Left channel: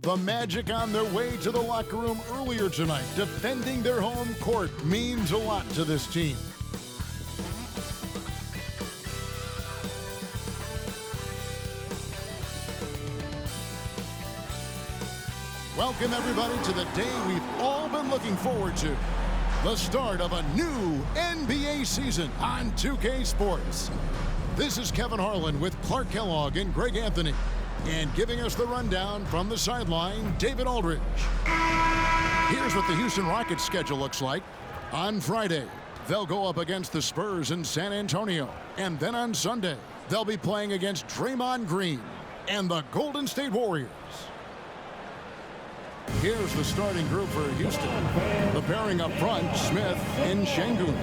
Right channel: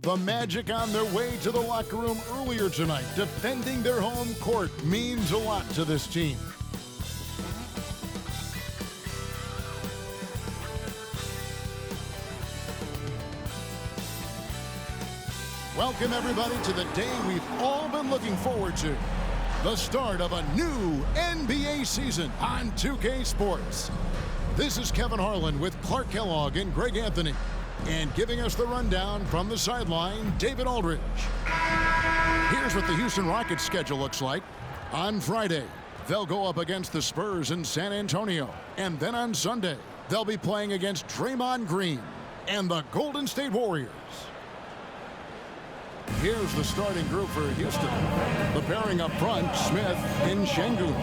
The Magic on their way to the locker room earlier tonight. Defending their home court means a lot to this team. Welcome everybody to the day we've all been looking forward to. The start of a new NBA season on 2K Sports. This is Kevin Harlan with Clark Kellogg and Greg Anthony. And giving us the rundown from the sideline, David Aldridge. Here's what the Houston Rockets schedule looks like. On Friday, they'll go up against the Spurs in San Antonio. And then on Sunday, they'll be playing against Draymond Green and the Golden State Warriors. Here's the starting group for Houston. The pairing up front, Smith and Şengün.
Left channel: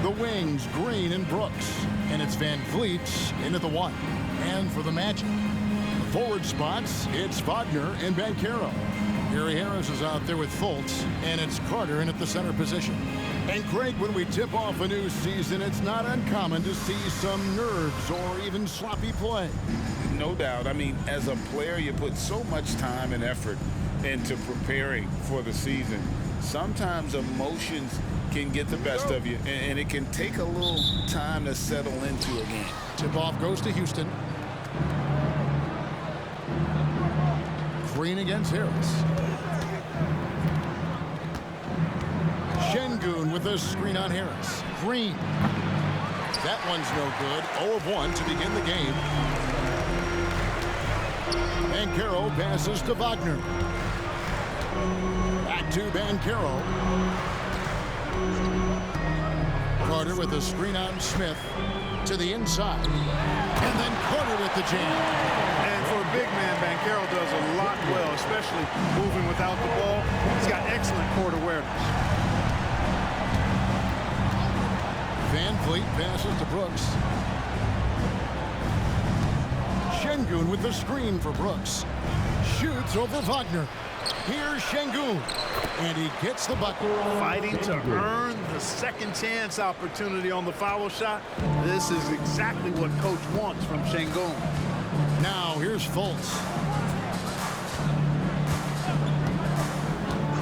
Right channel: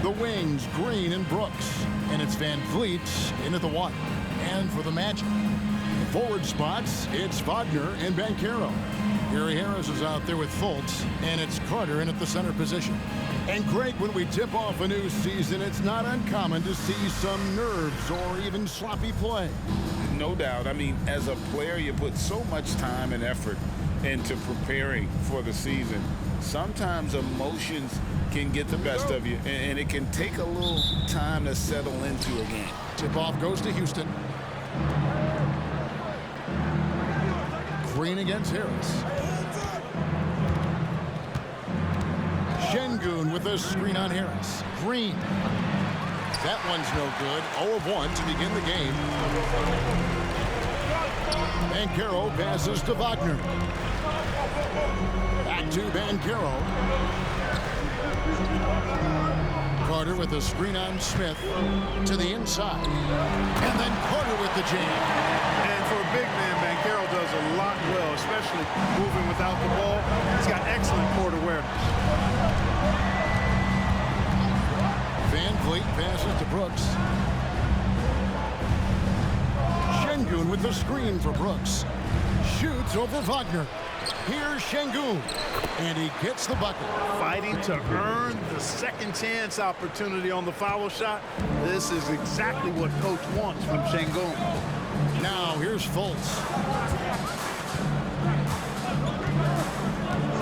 The wings, Green and Brooks. And it's Van Vliet in at the one. And for the Magic, forward spots, it's Wagner and Banchero. Gary Harris is out there with Fultz, and it's Carter in at the center position. And Greg, when we tip off a new season, it's not uncommon to see some nerves or even sloppy play. No doubt. I mean, as a player, you put so much time and effort into preparing for the season. Sometimes emotions can get the best of you, and it can take a little time to settle into a game. Tip-off goes to Houston. Green against Harris. Şengün with a screen on Harris. Green. That one's no good. 0 of 1 to begin the game. Banchero passes to Wagner. Back to Banchero. Carter with a screen on Smith to the inside. And then Carter with the jam. And for a big man, Banchero does a lot well, especially moving without the ball. He's got excellent court awareness. Van Vliet passes to Brooks. Şengün with the screen for Brooks. Shoots over Wagner. Here's Şengün. And he gets the bucket. Fighting to earn the second chance opportunity on the foul shot. This is exactly what coach wants from Şengün. Now here's Fultz.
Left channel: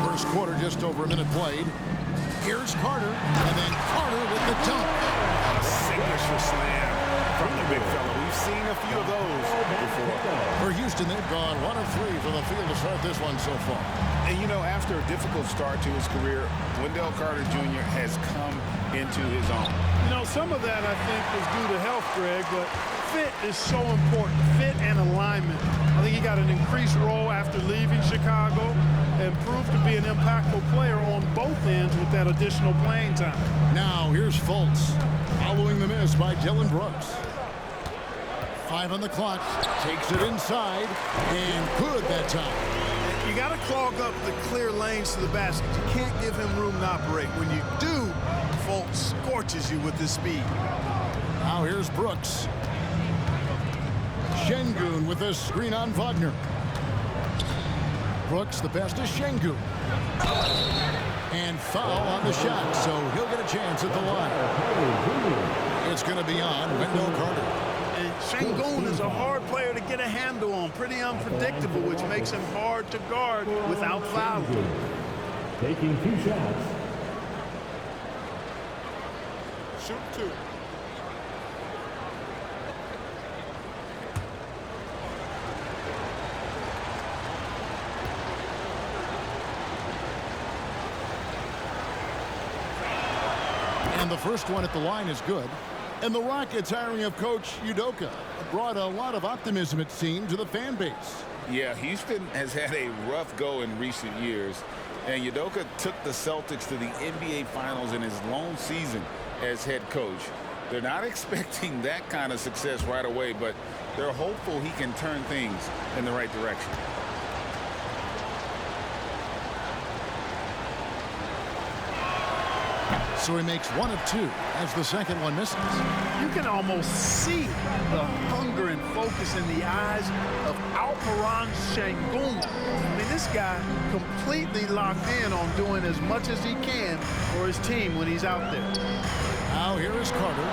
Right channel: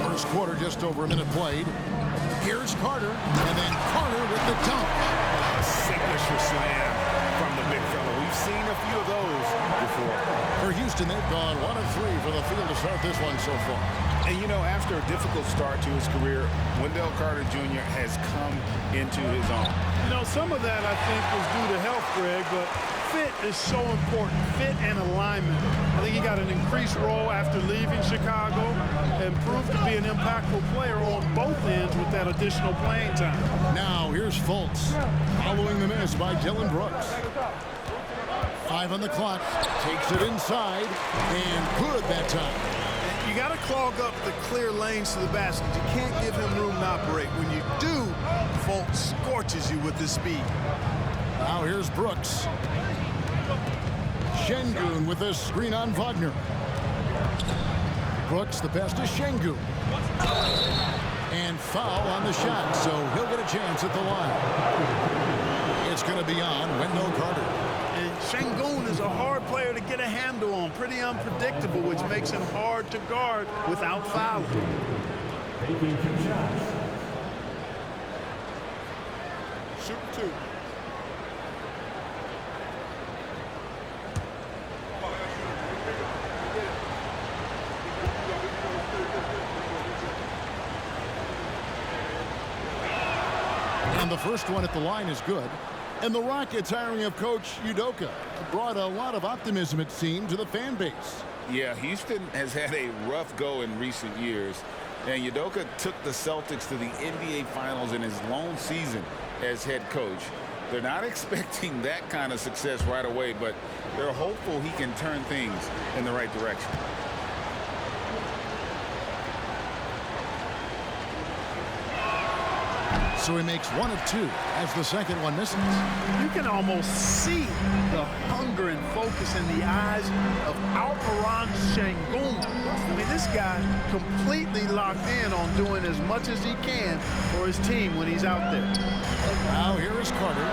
First quarter, just over a minute played. Here's Carter, and then Carter with the dunk. A signature slam from the big fella. We've seen a few of those before. For Houston, they've gone 1 of 3 for the field to start this one so far. And you know, after a difficult start to his career, Wendell Carter Jr. has come into his own. You know, some of that I think was due to health, Greg, but fit is so important. Fit and alignment. I think he got an increased role after leaving Chicago and proved to be an impactful player on both ends with that additional playing time. Now here's Fultz, following the miss by Dillon Brooks. 5 on the clock, takes it inside, and good that time. You got to clog up the clear lanes to the basket. You can't give him room to operate. When you do, Fultz scorches you with his speed. Now here's Brooks. Şengün with a screen on Wagner. Brooks, the pass to Şengün. And foul on the shot, so he'll get a chance at the line. It's going to be on Wendell Carter. And Şengün is a hard player to get a handle on, pretty unpredictable, which makes him hard to guard without fouling. Taking 2 shots. Shoot 2. And the first one at the line is good. And the Rockets hiring of Coach Udoka brought a lot of optimism, it seemed, to the fan base. Yeah, Houston has had a rough go in recent years, and Udoka took the Celtics to the NBA Finals in his lone season as head coach. They're not expecting that kind of success right away, but they're hopeful he can turn things in the right direction. So he makes 1 of 2 as the second one misses. You can almost see the hunger and focus in the eyes of Alperen Şengün. I mean, this guy completely locked in on doing as much as he can for his team when he's out there. Now here is Carter.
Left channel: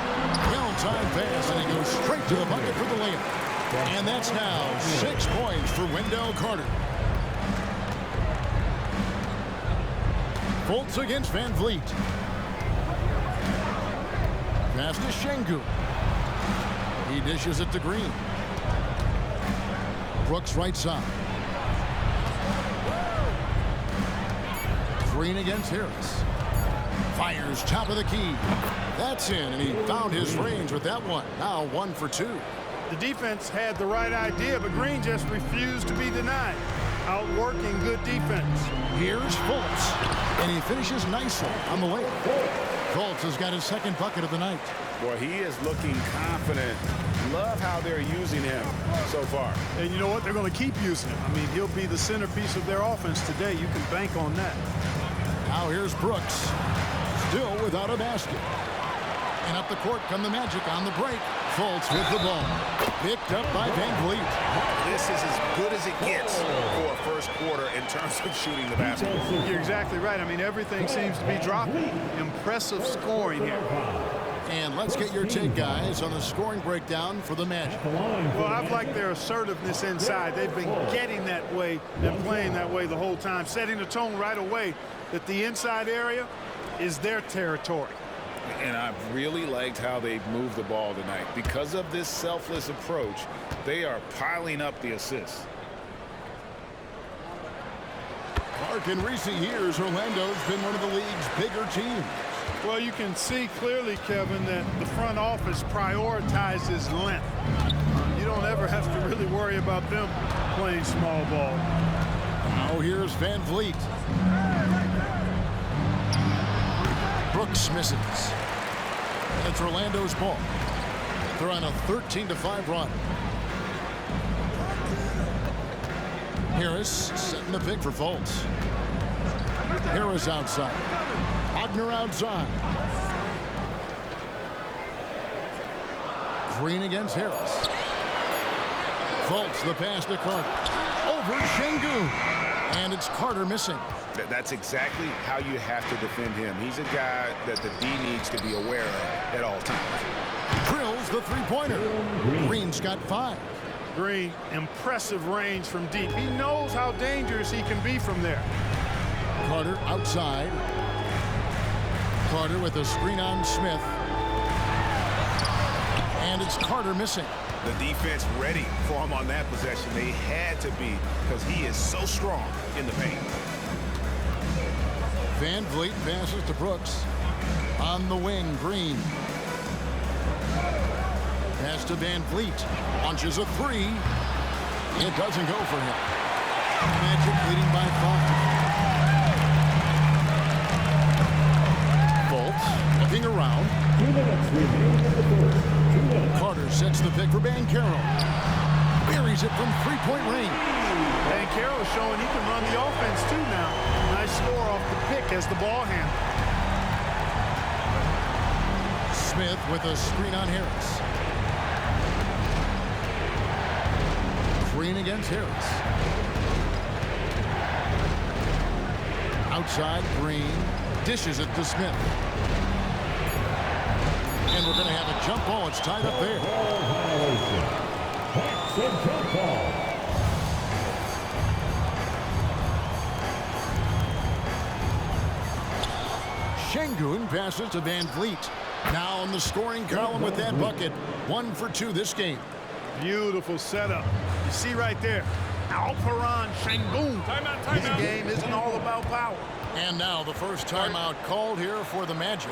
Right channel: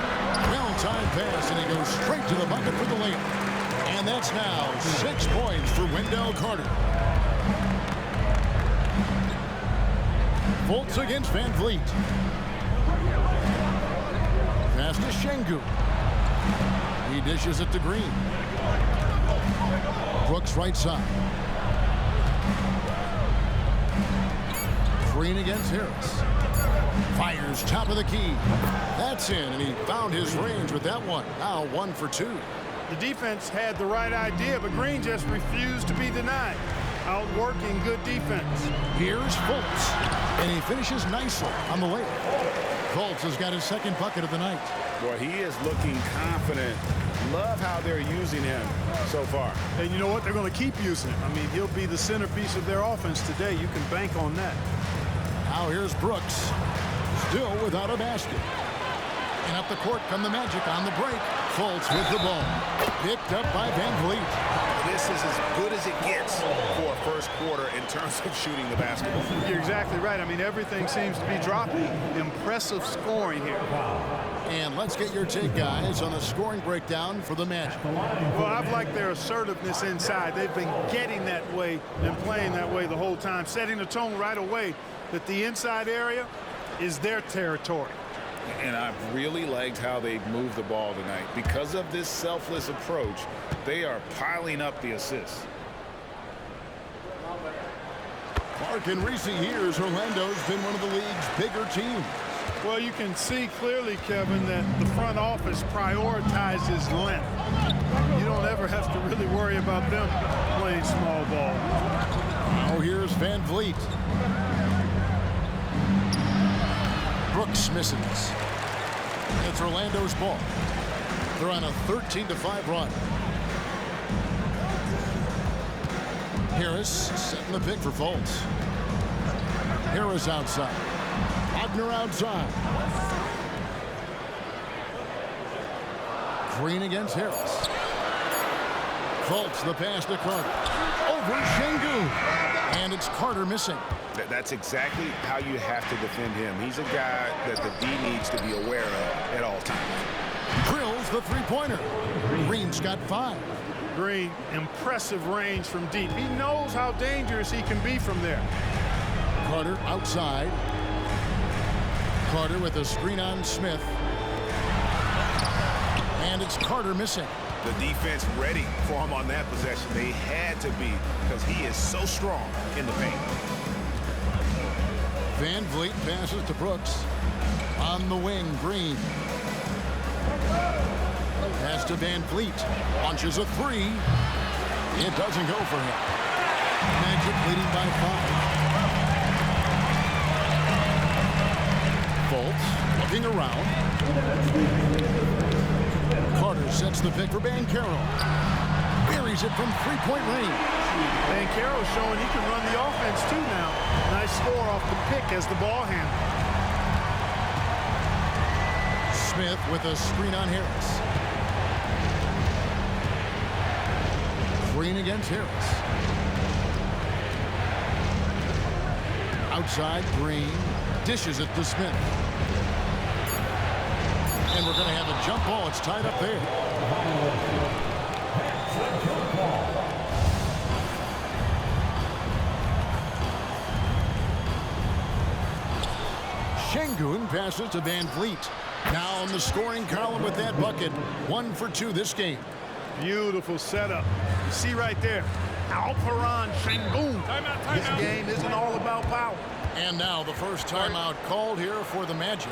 Well-timed pass, and he goes straight to the bucket for the layup. And that's now 6 points for Wendell Carter. Fultz against Van Vliet. Pass to Şengün. He dishes it to Green. Brooks right side. Green against Harris. Fires top of the key. That's in, and he found his range with that one. Now 1 for 2. The defense had the right idea, but Green just refused to be denied. Outworking good defense. Here's Fultz, and he finishes nicely on the layup. Fultz has got his second bucket of the night. Boy, he is looking confident. Love how they're using him so far. And you know what? They're going to keep using him. I mean, he'll be the centerpiece of their offense today. You can bank on that. Now here's Brooks, still without a basket. And up the court come the Magic on the break. Fultz with the ball. Picked up by Van Vliet. This is as good as it gets for a first quarter in terms of shooting the basketball. You're exactly right. I mean, everything seems to be dropping. Impressive scoring here. And let's get your take, guys, on the scoring breakdown for the Magic. Well, I've liked their assertiveness inside. They've been getting that way and playing that way the whole time, setting the tone right away that the inside area is their territory. And I've really liked how they've moved the ball tonight. Because of this selfless approach, they are piling up the assists. Clark, in recent years, Orlando's been one of the league's bigger teams. Well, you can see clearly, Kevin, that the front office prioritizes length. You don't ever have to really worry about them playing small ball. Now here's Van Vliet. Brooks misses. And it's Orlando's ball. They're on a 13-5 run. Harris setting the pick for Fultz. Harris outside. Wagner outside. Green against Harris. Fultz the pass to Carter. Over Şengün. And it's Carter missing. That's exactly how you have to defend him. He's a guy that the D needs to be aware of at all times. Drills the three-pointer. Green's got 5. Green, impressive range from deep. He knows how dangerous he can be from there. Carter outside. Carter with a screen on Smith. And it's Carter missing. The defense ready for him on that possession. They had to be, because he is so strong in the paint. Van Vliet passes to Brooks. On the wing, Green. Pass to Van Vliet. Launches a 3. It doesn't go for him. Magic leading by 5. Fultz looking around. Carter sets the pick for Banchero. Buries it from three-point range. Banchero showing he can run the offense too now. Nice score off the pick as the ball handler. Smith with a screen on Harris. Green against Harris. Outside, Green dishes it to Smith. And we're going to have a jump ball. It's tied up there. Şengün passes to Van Vliet. Now on the scoring column with that bucket. 1 for 2 this game. Beautiful setup. You see right there, Alperen Şengün. This game isn't all about power. And now the first timeout called here for the Magic.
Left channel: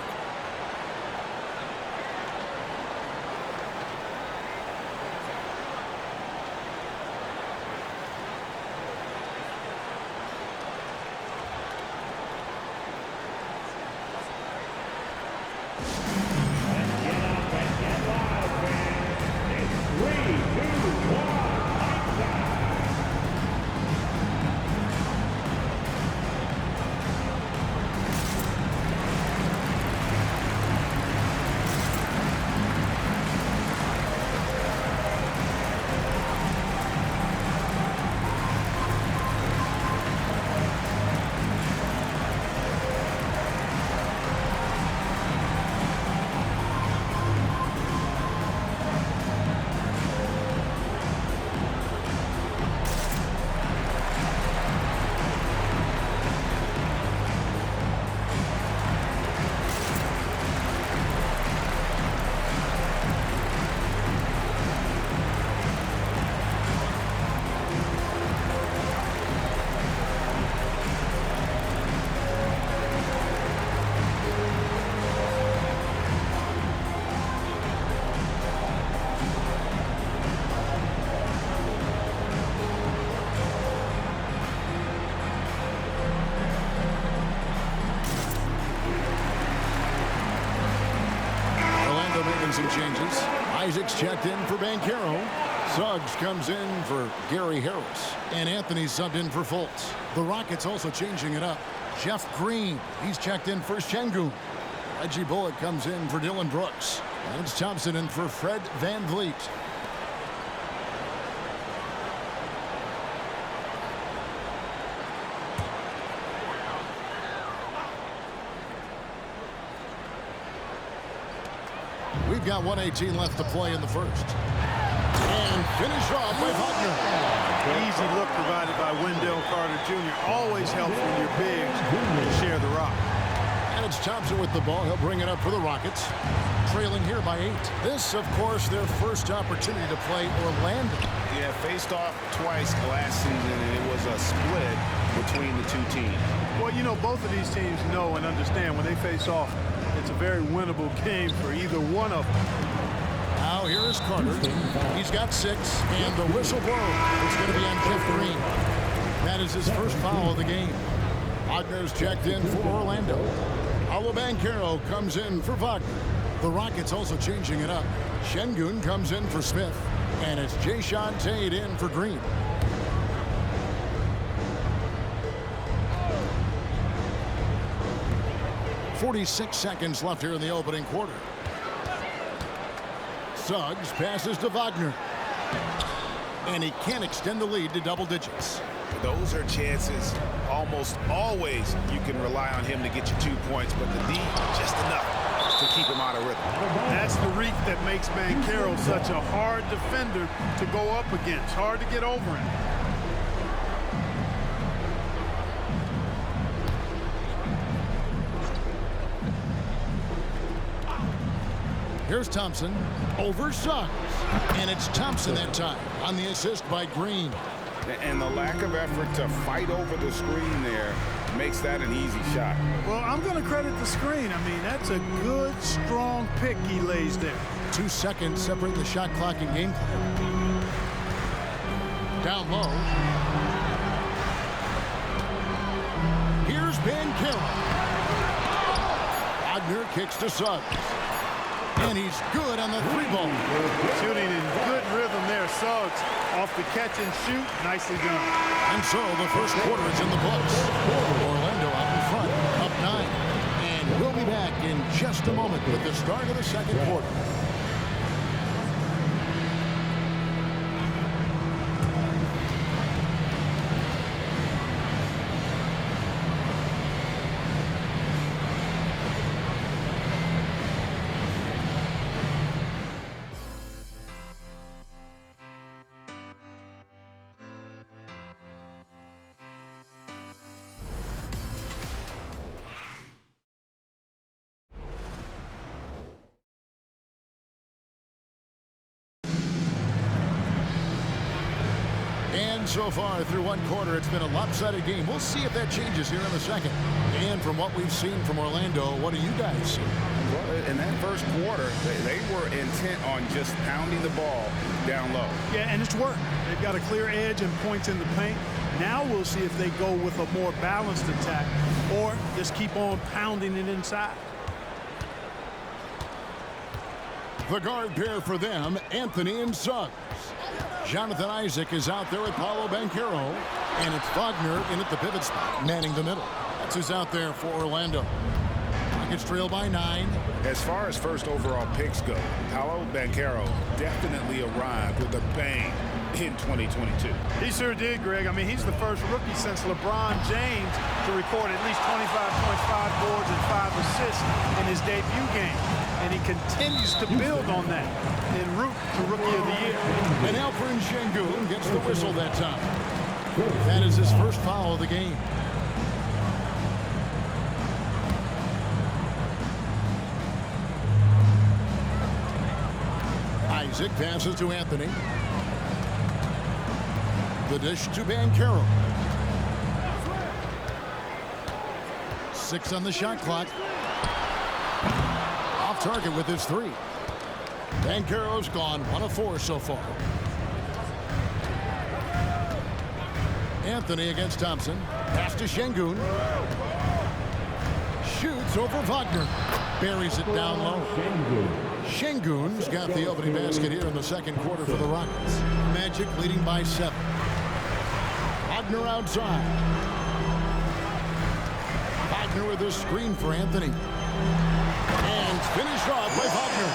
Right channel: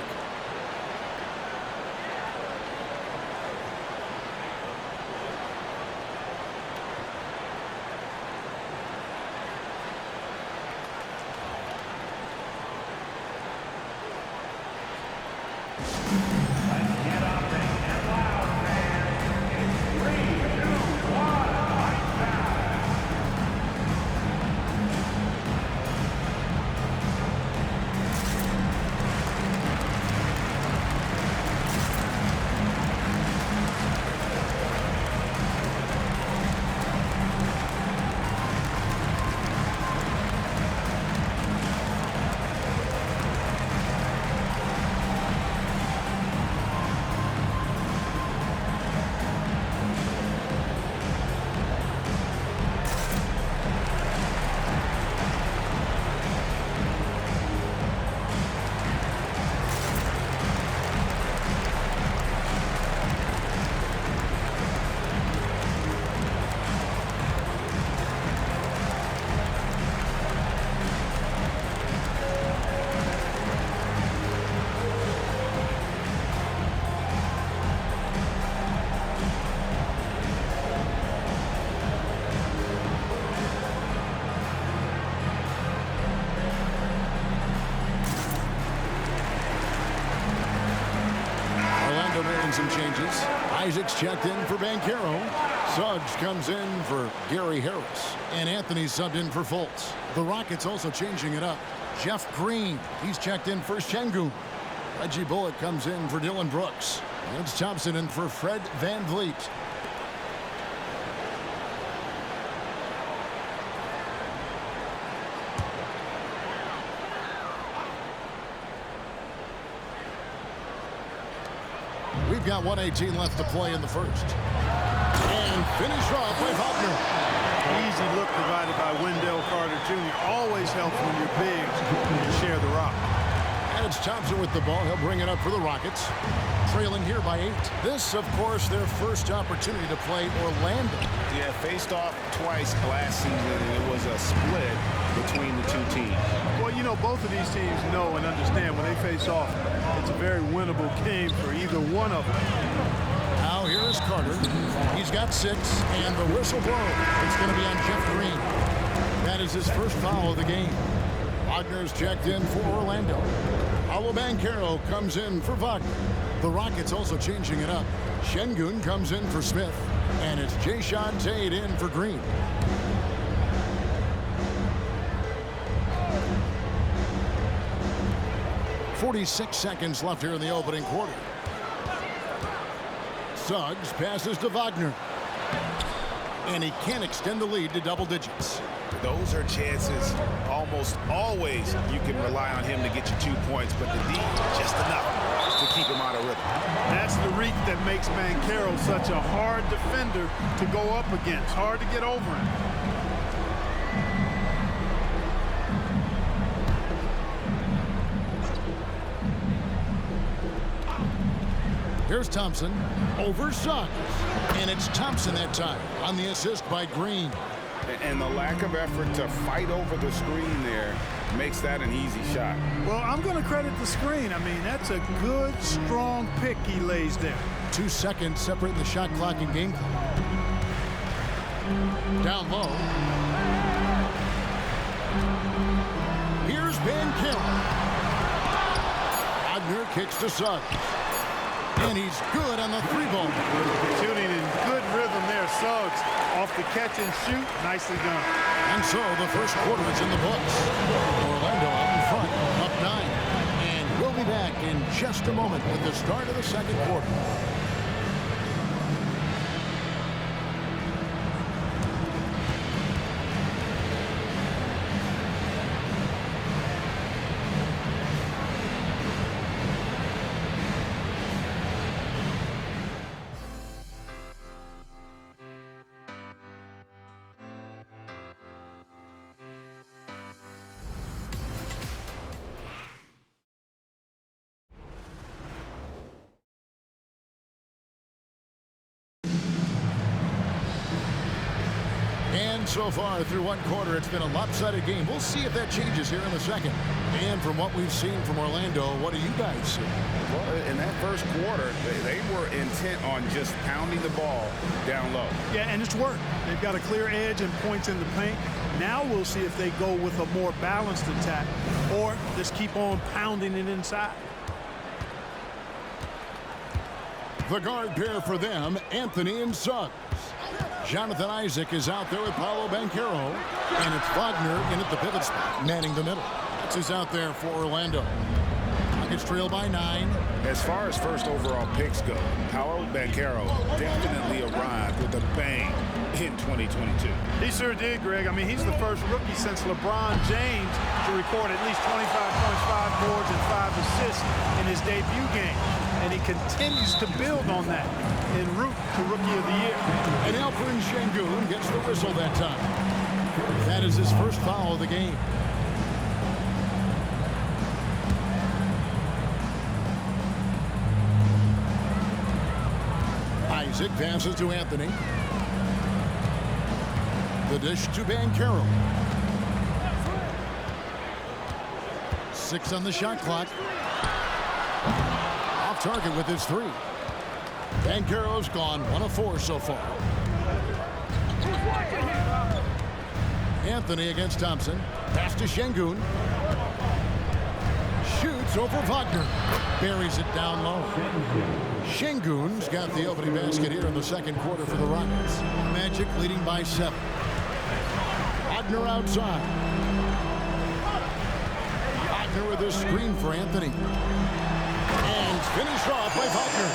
making some changes. Isaac's checked in for Banchero. Suggs comes in for Gary Harris. And Anthony subbed in for Fultz. The Rockets also changing it up. Jeff Green, he's checked in for Şengün. Reggie Bullock comes in for Dylan Brooks. And it's Thompson in for Fred VanVleet. We've got 1:18 left to play in the first. And finished off by Wagner. Easy look provided by Wendell Carter Jr. Always helps when you're big and share the rock. And it's Thompson with the ball. He'll bring it up for the Rockets. Trailing here by 8. This, of course, their first opportunity to play Orlando. Yeah, faced off twice last season, and it was a split between the two teams. Well, you know, both of these teams know and understand when they face off, it's a very winnable game for either one of them. Now here is Carter. He's got 6, and the whistle blows. It's going to be on Jeff Green. That is his first foul of the game. Wagner's checked in for Orlando. Paolo Banchero comes in for Wagner. The Rockets also changing it up. Şengün comes in for Smith, and it's Jae'Sean Tate in for Green. .46 seconds left here in the opening quarter. Suggs passes to Wagner. And he can't extend the lead to double digits. Those are chances almost always you can rely on him to get you 2 points, but the D just enough to keep him out of rhythm. That's the reach that makes Banchero such a hard defender to go up against. Hard to get over him. Here's Thompson over Suggs. And it's Thompson that time on the assist by Green. And the lack of effort to fight over the screen there makes that an easy shot. Well, I'm going to credit the screen. I mean, that's a good, strong pick he lays there. 2 seconds separating the shot clock and game clock. Down low. Here's Banchero. Wagner kicks to Suggs. And he's good on the 3-ball. Shooting in good rhythm there. Suggs off the catch and shoot. Nicely done. And so the first quarter is in the books. Orlando out in front, up 9. And we'll be back in just a moment with the start of the second quarter. And so far through one quarter, it's been a lopsided game. We'll see if that changes here in the second. And from what we've seen from Orlando, what do you guys see? Well, in that first quarter, they were intent on just pounding the ball down low. Yeah, and it's worked. They've got a clear edge and points in the paint. Now we'll see if they go with a more balanced attack or just keep on pounding it inside. The guard pair for them, Anthony and Suggs. Jonathan Isaac is out there with Paolo Banchero. And it's Wagner in at the pivot spot, manning the middle. That's who's out there for Orlando. Rockets trail by 9. As far as first overall picks go, Paolo Banchero definitely arrived with a bang in 2022. He sure did, Greg. I mean, he's the first rookie since LeBron James to record at least 25 points, 5 boards, and 5 assists in his debut game. And he continues to build on that en route to Rookie of the Year. And Alperen Şengün gets the whistle that time. That is his first foul of the game. Isaac passes to Anthony. The dish to Banchero. 6 on the shot clock. Off target with his 3. Banchero's gone 1 of 4 so far. Anthony against Thompson. Pass to Şengün. shoots over Wagner. Buries it down low. Şengün's got the opening basket here in the second quarter for the Rockets. Magic leading by 7. Wagner outside. Wagner with a screen for Anthony. And finished off by Wagner.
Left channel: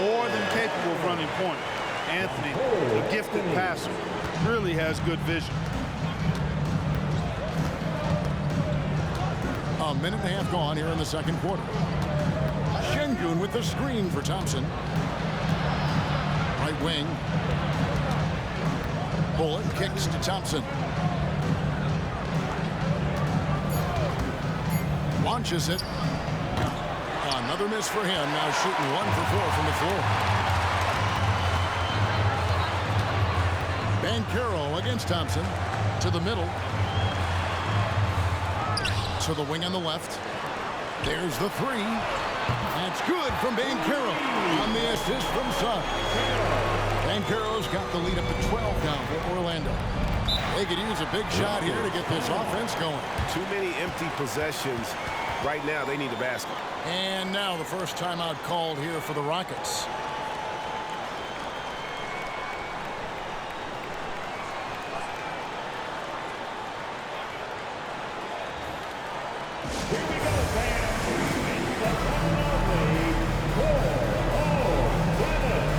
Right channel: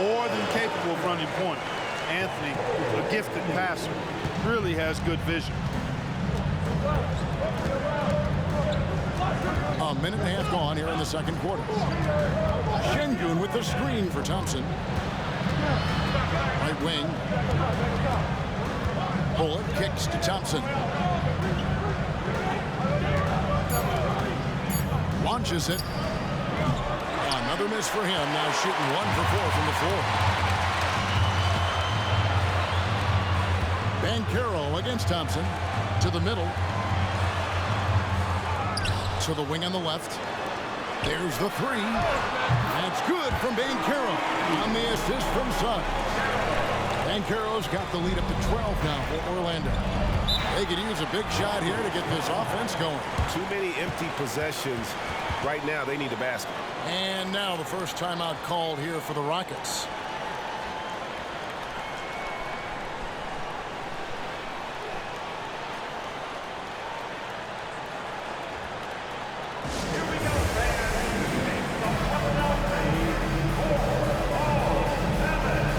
More than capable of running point. Anthony, a gifted passer, really has good vision. A minute and a half gone here in the second quarter. Şengün with the screen for Thompson. Right wing. Bullock kicks to Thompson. Launches it. Another miss for him. Now shooting 1 for 4 from the floor. Banchero against Thompson. To the middle. To the wing on the left. There's the 3. That's good from Banchero on the assist from Suggs. Banchero's got the lead up to 12 now for Orlando. They could use a big shot here to get this offense going. Too many empty possessions. Right now, they need a basket. And now the first timeout called here for the Rockets. Here we go, fans. From Philadelphia, Cole Anthony.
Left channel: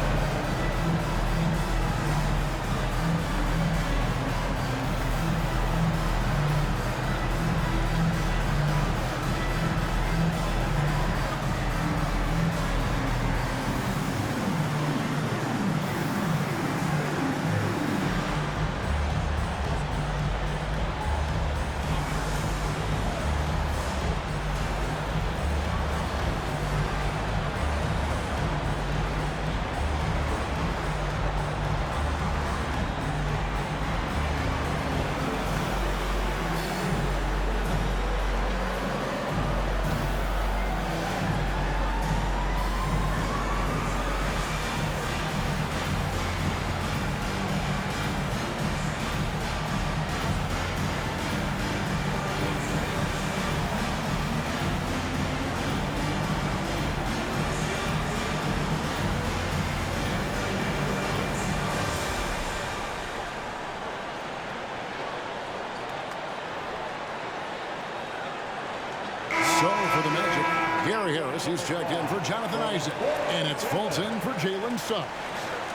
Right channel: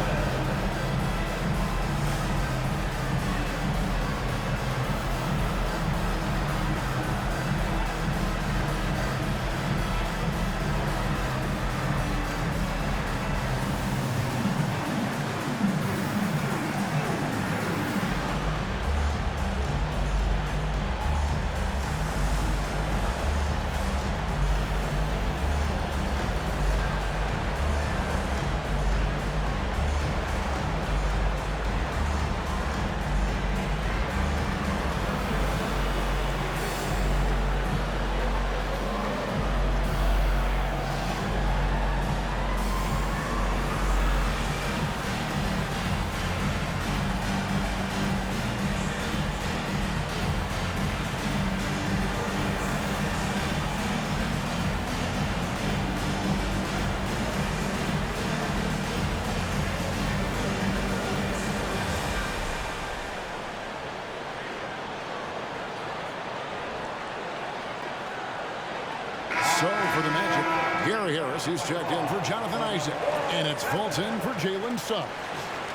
So for the Magic, Gary Harris, he's checked in for Jonathan Isaac. And it's Fulton for Jalen Suggs.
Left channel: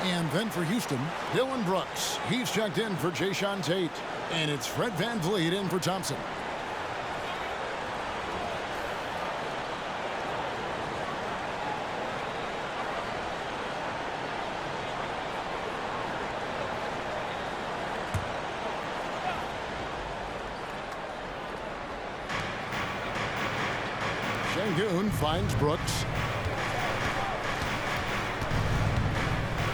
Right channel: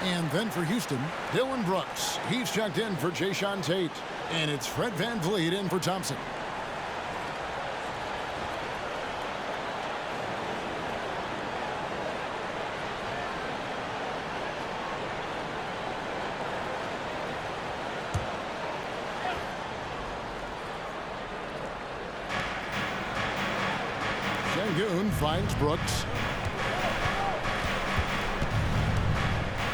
And then for Houston, Dylan Brooks. He's checked in for Jae'Sean Tate. And it's Fred VanVleet in for Thompson. Şengün finds Brooks.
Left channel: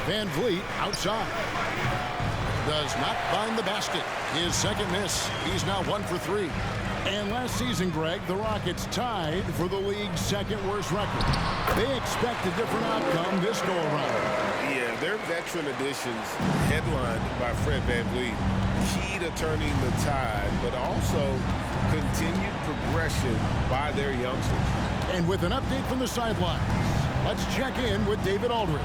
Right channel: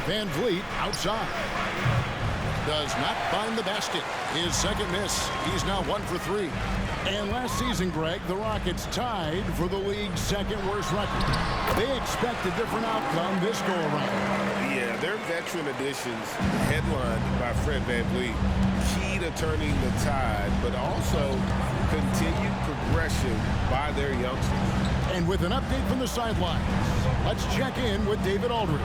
VanVleet outside. Does not find the basket. His second miss. He's now 1 for 3. And last season, Greg, the Rockets tied for the league's second worst record. They expect a different outcome this go-around. Yeah, their veteran additions, headlined by Fred VanVleet, key to turning the tide, but also continued progression by their youngsters. And with an update from the sidelines, let's check in with David Aldridge.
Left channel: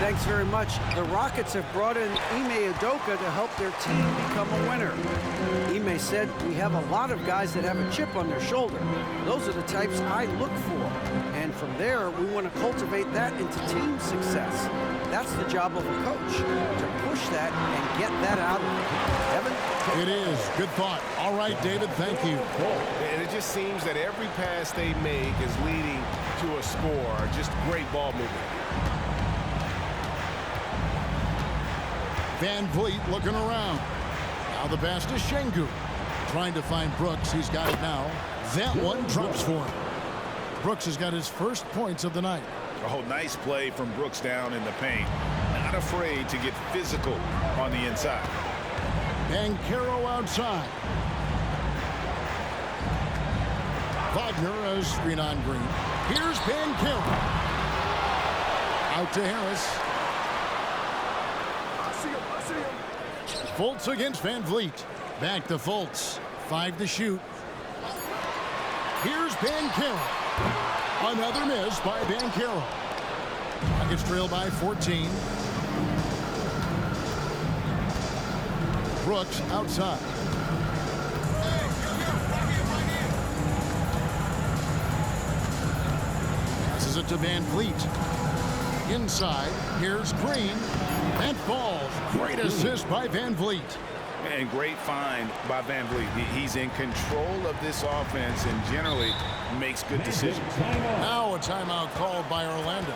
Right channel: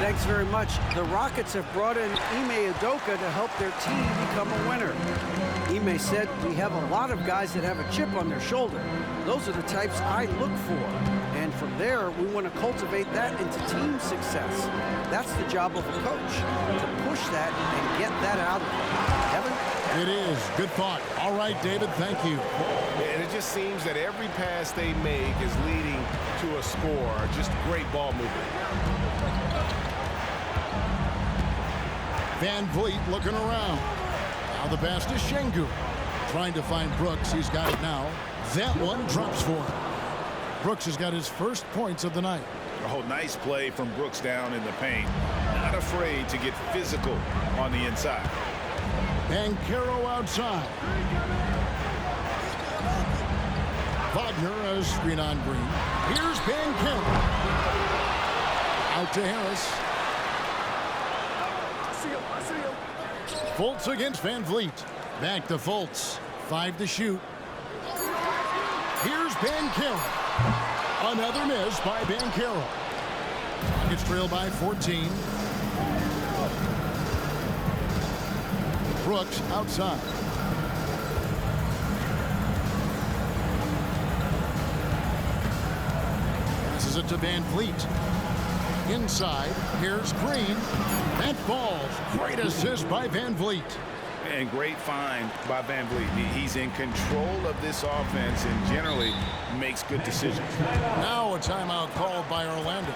Thanks very much. The Rockets have brought in Ime Udoka to help their team become a winner. Ime said, "We have a lot of guys that have a chip on their shoulder. Those are the types I look for. And from there, we want to cultivate that into team success. That's the job of a coach, to push that and get that out of them." Evan? It is. Good thought. All right, David, thank you. And it just seems that every pass they make is leading to a score. Just great ball movement. VanVleet looking around. Now the pass to Şengün. Trying to find Brooks. He's got it now. That one drops for him. Brooks has got his first points of the night. Oh, nice play from Brooks down in the paint. Not afraid to get physical on the inside. Banchero outside. Wagner, a screen on Green. Here's Banchero. Out to Harris. Fultz against VanVleet. Back to Fultz. 5 to shoot. Here's Banchero. Another miss by Banchero. Rockets trail by 14. Brooks outside. Passes it to Van Vliet. Inside, here's Green. That falls. Great assist by Van Vliet. And great find by Van Vliet. He's in control of this offense and generally makes good decisions. Now a timeout called by Orlando.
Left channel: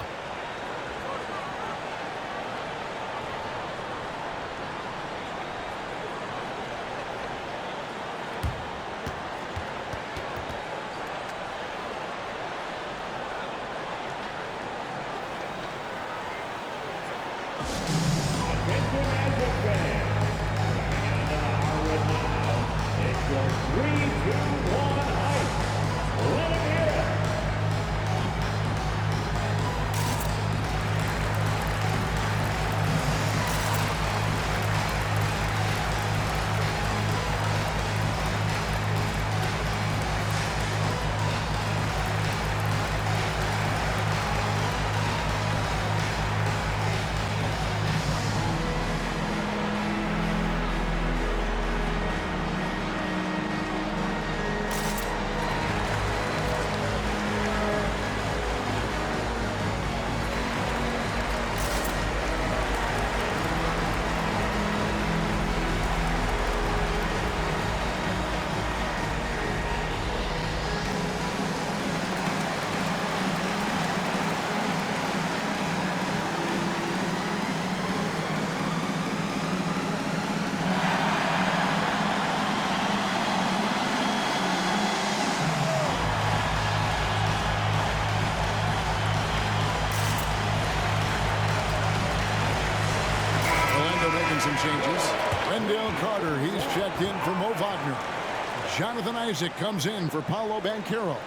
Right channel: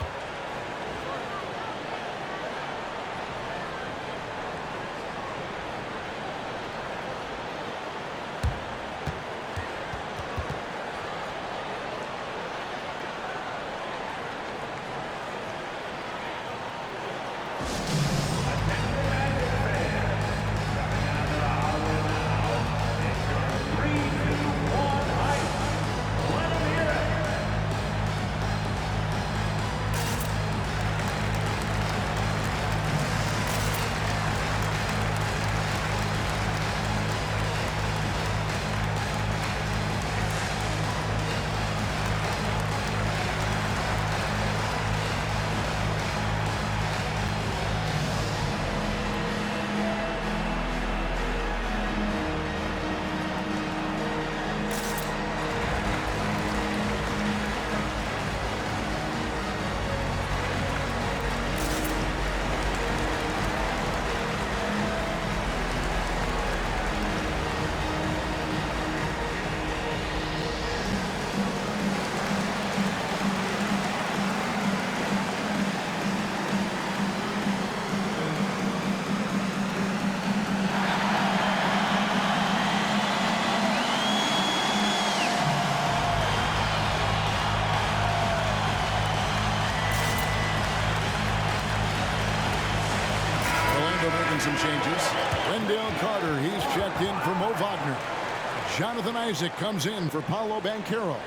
Making some changes. Wendell Carter, he's checked in for Mo Wagner. Jonathan Isaac comes in for Paolo Banchero.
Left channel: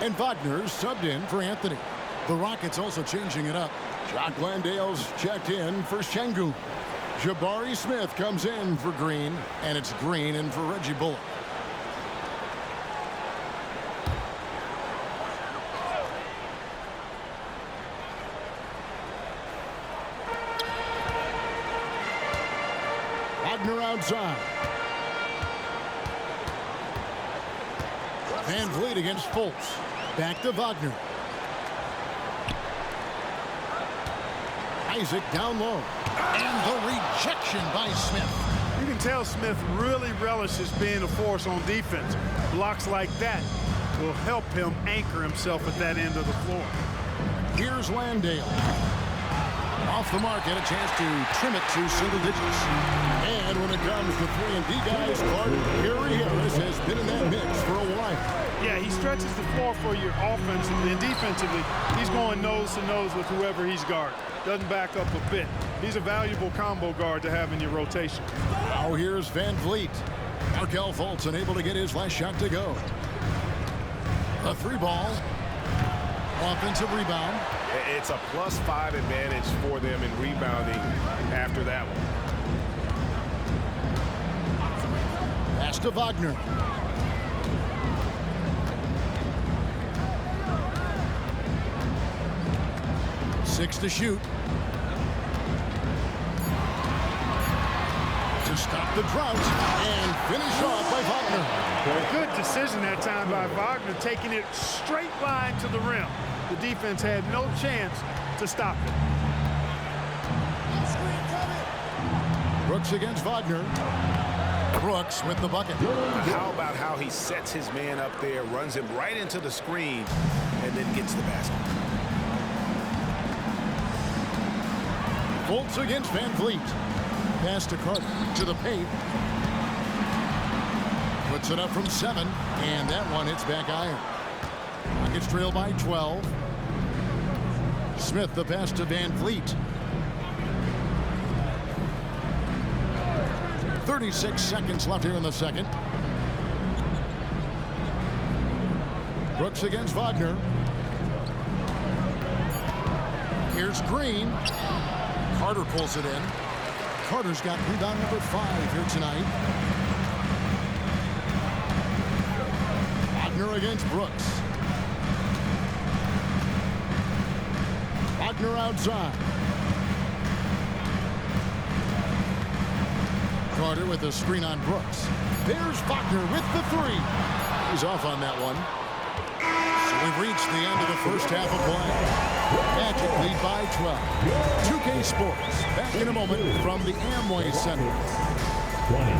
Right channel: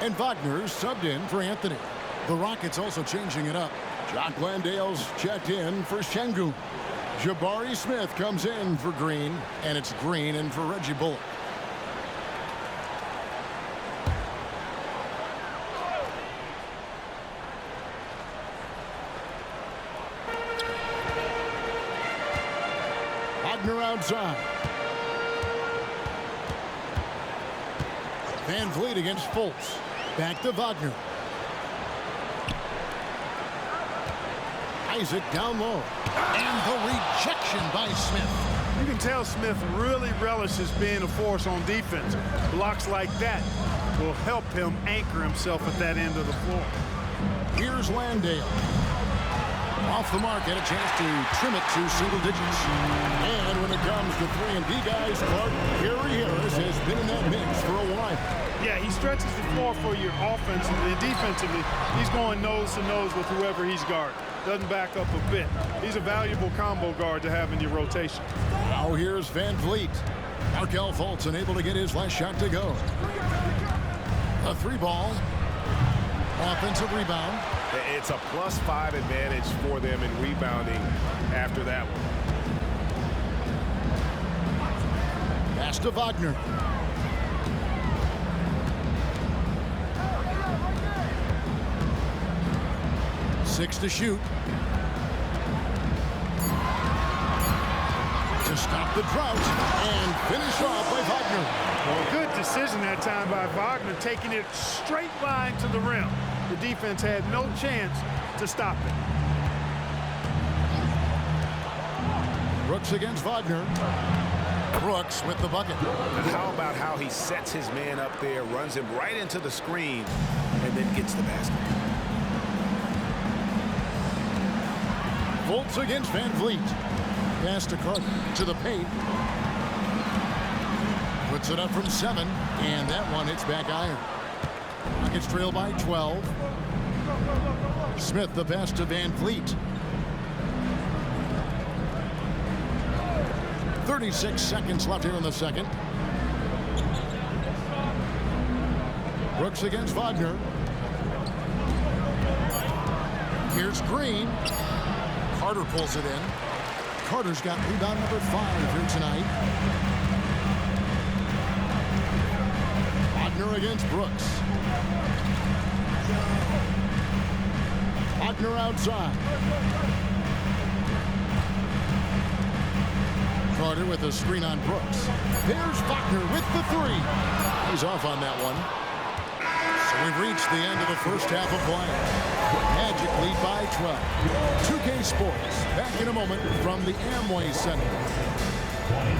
And Wagner's subbed in for Anthony. The Rockets also changing it up. Jock Landale's checked in for Şengün. Jabari Smith comes in for Green. And it's Green in for Reggie Bullock. Wagner outside. Van Vliet against Fultz. Back to Wagner. Isaac down low. And the rejection by Smith. You can tell Smith really relishes being a force on defense. Blocks like that will help him anchor himself at that end of the floor. Here's Landale. Off the mark, had a chance to trim it to single digits. And when it comes to 3-and-D guys, Clark, Gary Harris has been in that mix for a while. Yeah, he stretches the floor for you offensively and defensively. He's going nose to nose with whoever he's guarding. Doesn't back up a bit. He's a valuable combo guard to have in your rotation. Now here's Van Vliet. Markelle Fultz unable to get his last shot to go. A 3-ball. Offensive rebound. It's a +5 advantage for them in rebounding after that one. Pass to Wagner. Six to shoot. To stop the drought and finish off by Wagner. Good decision that time by Wagner, taking it straight line to the rim. The defense had no chance to stop it. Brooks against Wagner. Brooks with the bucket. How about how he sets his man up there, runs him right into the screen, and then gets the basket. Fultz against Van Vliet. Pass to Carter to the paint. Puts it up from 7, and that one hits back iron. Rockets trail by 12. Smith the pass to Van Vliet. 36 seconds left here in the second. Brooks against Wagner. Here's Green. Carter pulls it in. Carter's got rebound number 5 here tonight. Wagner against Brooks. Wagner outside. Carter with a screen on Brooks. There's Wagner with the three. He's off on that one. So we've reached the end of the first half of play. Magic lead by 12. 2K Sports back in a moment from the Amway Center. 20.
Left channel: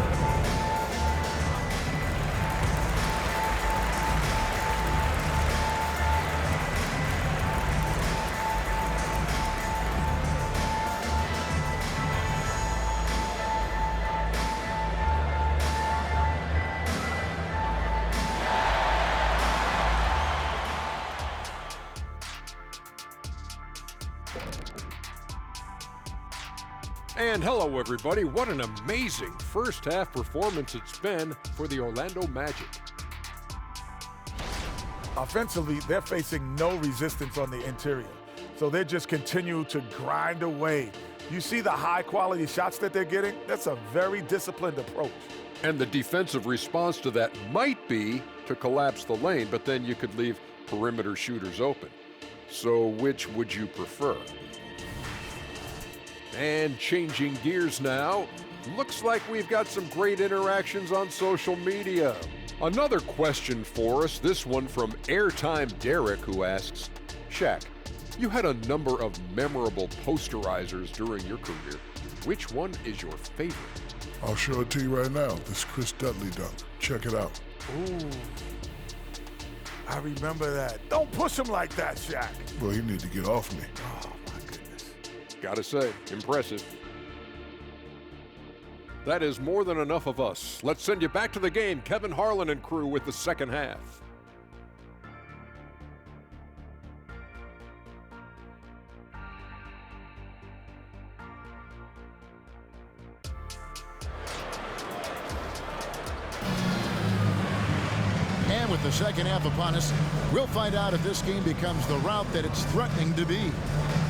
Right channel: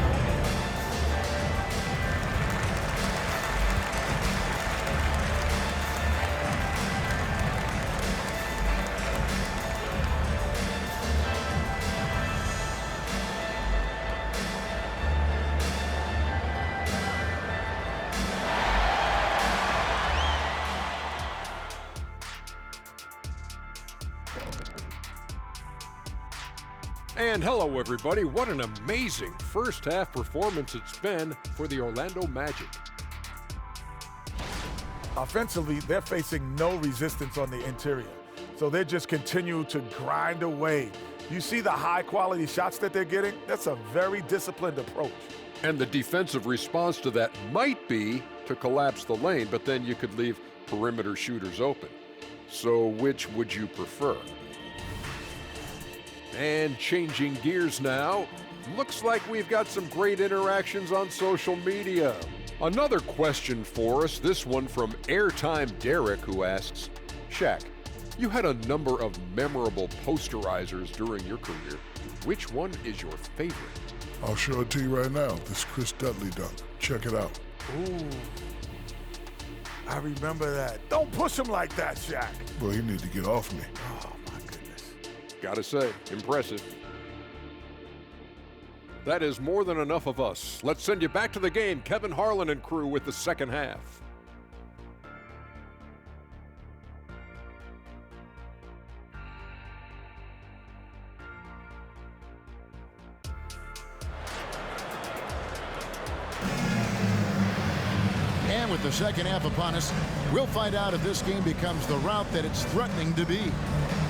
And hello, everybody. What an amazing first half performance it's been for the Orlando Magic. Offensively, they're facing no resistance on the interior. So they just continue to grind away. You see the high-quality shots that they're getting? That's a very disciplined approach. And the defensive response to that might be to collapse the lane, but then you could leave perimeter shooters open. So which would you prefer? And changing gears now, looks like we've got some great interactions on social media. Another question for us, this one from Airtime Derek, who asks, Shaq, you had a number of memorable posterizers during your career. Which one is your favorite? I'll show it to you right now. This Chris Dudley dunk. Check it out. Ooh, I remember that. Don't push him like that, Shaq. Well, you need to get off me. Oh, my goodness. Gotta say, impressive. That is more than enough of us. Let's send you back to the game, Kevin Harlan and crew with the second half. And with the second half upon us, we'll find out if this game becomes the route that it's threatening to be.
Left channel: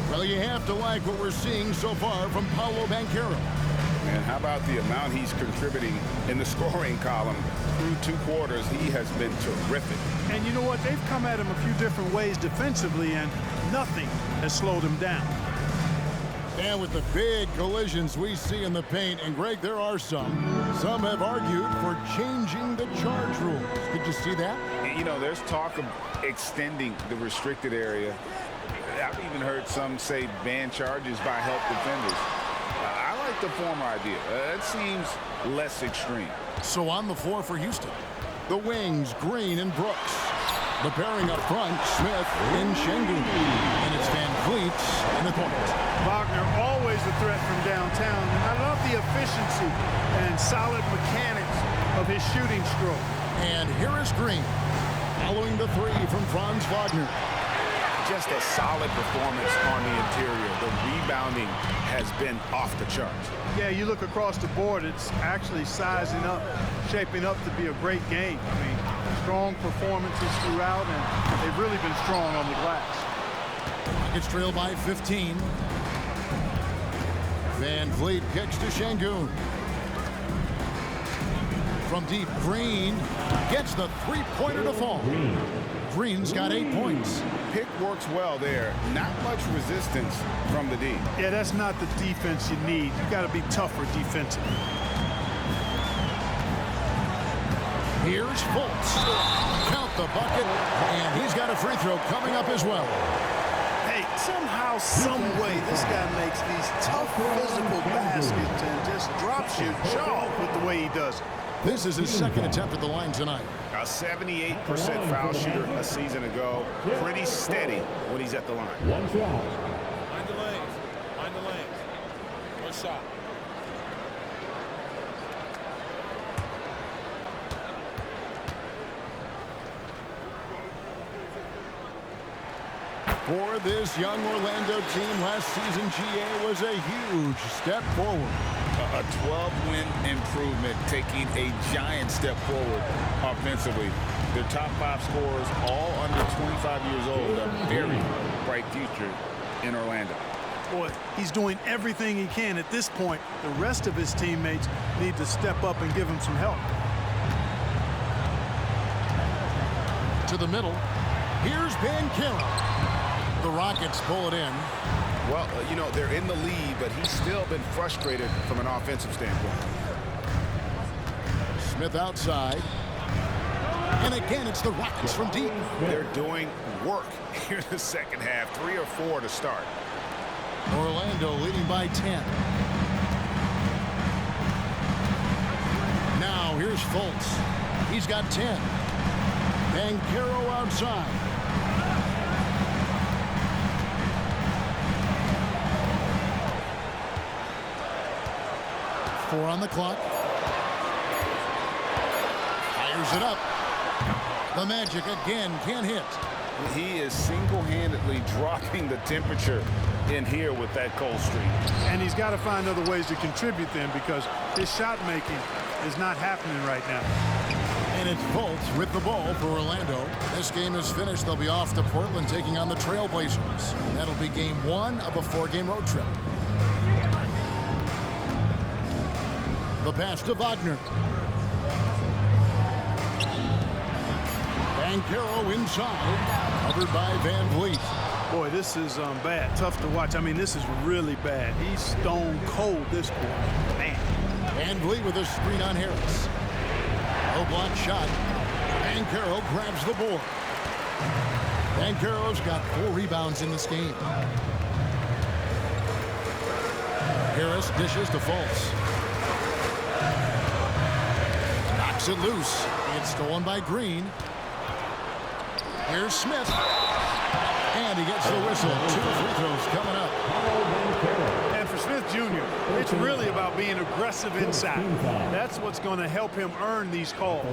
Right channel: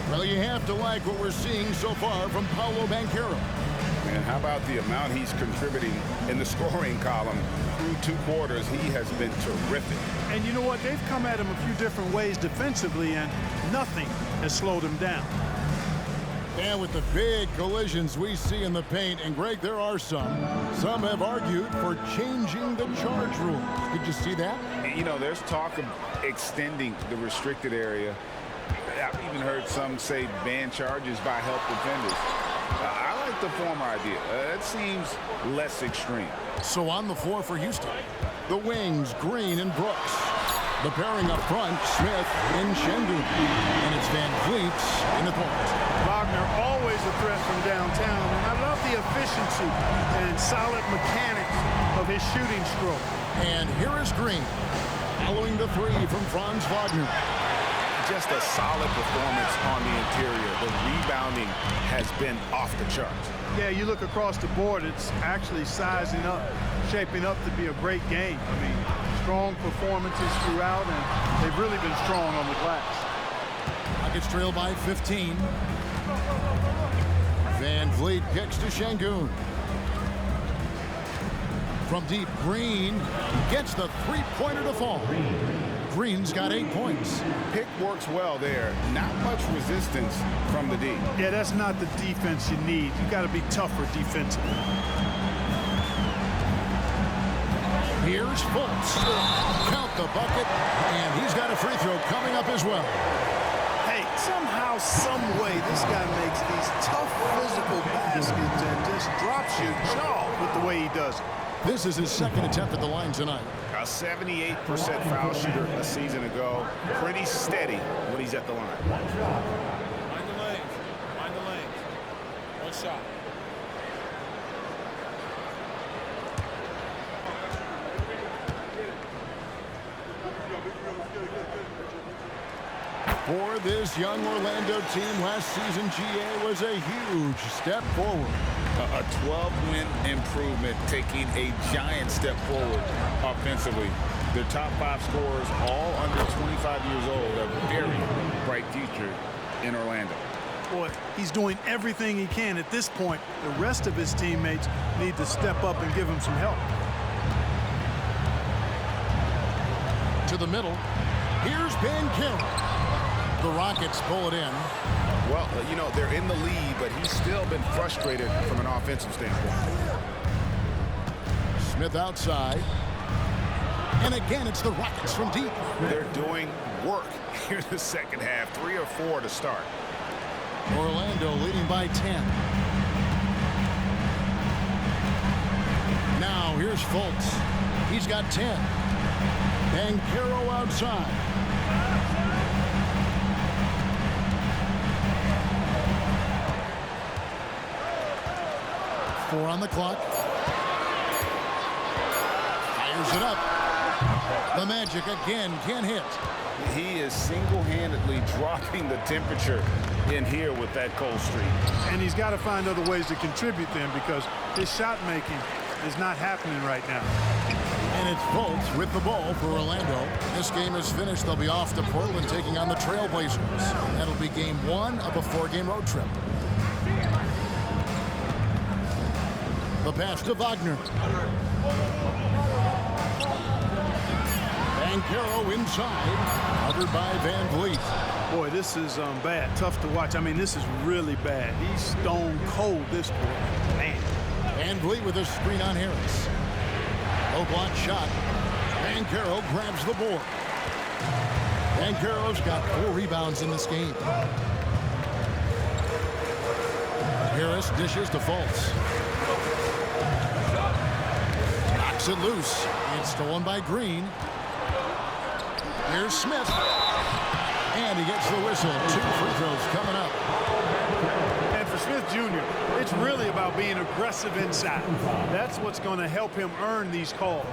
Well, you have to like what we're seeing so far from Paolo Banchero. And how about the amount he's contributing in the scoring column through 2 quarters? He has been terrific. And you know what? They've come at him a few different ways defensively, and nothing has slowed him down. And with the big collisions we see in the paint, and Greg, there are some have argued for changing the charge rules. Did you see that? You know, there's talk of extending the restricted area. I've even heard some say ban charges by help defenders. I like the former idea. It seems less extreme. So on the floor for Houston, the wings, Green and Brooks. The pairing up front, Smith and Şengün. And it's Van Vliet in the point. Wagner always a threat from downtown, and I love the efficiency and solid mechanics of his shooting stroke. And here is Green, following the three from Franz Wagner. Just a solid performance on the interior. The rebounding has been off the charts. Yeah, you look across the board, it's actually sizing up, shaping up to be a great game. I mean, strong performances throughout, and they've really been strong on the glass. Rockets trail by 15. Van Vliet kicks to Şengün. From deep, Green gets the three-pointer to fall. Green's got 8 points. Pick works well there. Not much resistance from the D. Yeah, that's not the defense you need. You got to be tougher defensively. Here's Fultz. Count the bucket, and he's got a free throw coming up as well. Hey, somehow, some way, this guy makes these tough physical baskets and just drops your jaw with the way he does it. This is his second attempt at the line tonight. A 78% foul shooter a season ago. Pretty steady when he's at the line. One shot. Mind the lanes. Mind the lanes. One shot. For this young Orlando team, last season GA was a huge step forward. A 12-win improvement, taking a giant step forward offensively. Their top 5 scorers, all under 25 years old, a very bright future in Orlando. Boy, he's doing everything he can at this point. The rest of his teammates need to step up and give him some help. To the middle. Here's Banchero. The Rockets pull it in. Well, you know, they're in the lead, but he's still been frustrated from an offensive standpoint. Smith outside. And again, it's the Rockets from deep. They're doing work here in the second half. 3 or 4 to start. Orlando leading by 10. Now here's Fultz. He's got 10. Banchero outside. Four on the clock. Fires it up. The Magic again can't hit. He is single-handedly dropping the temperature in here with that cold streak. And he's got to find other ways to contribute then, because his shot making is not happening right now. And it's Fultz with the ball for Orlando. This game is finished. They'll be off to Portland taking on the Trailblazers. That'll be game 1 of a 4-game road trip. The pass to Wagner. Banchero inside, covered by Van Vliet. Boy, this is bad. Tough to watch. I mean, this is really bad. He's stone cold this quarter. Man. Van Vliet with a screen on Harris. Low block shot. Banchero grabs the board. Banchero's got 4 rebounds in this game. Harris dishes to Fultz. Knocks it loose. It's stolen by Green. Here's Smith. And he gets the whistle. 2 free throws coming up. And for Smith Jr., it's really about being aggressive inside. That's what's going to help him earn these calls.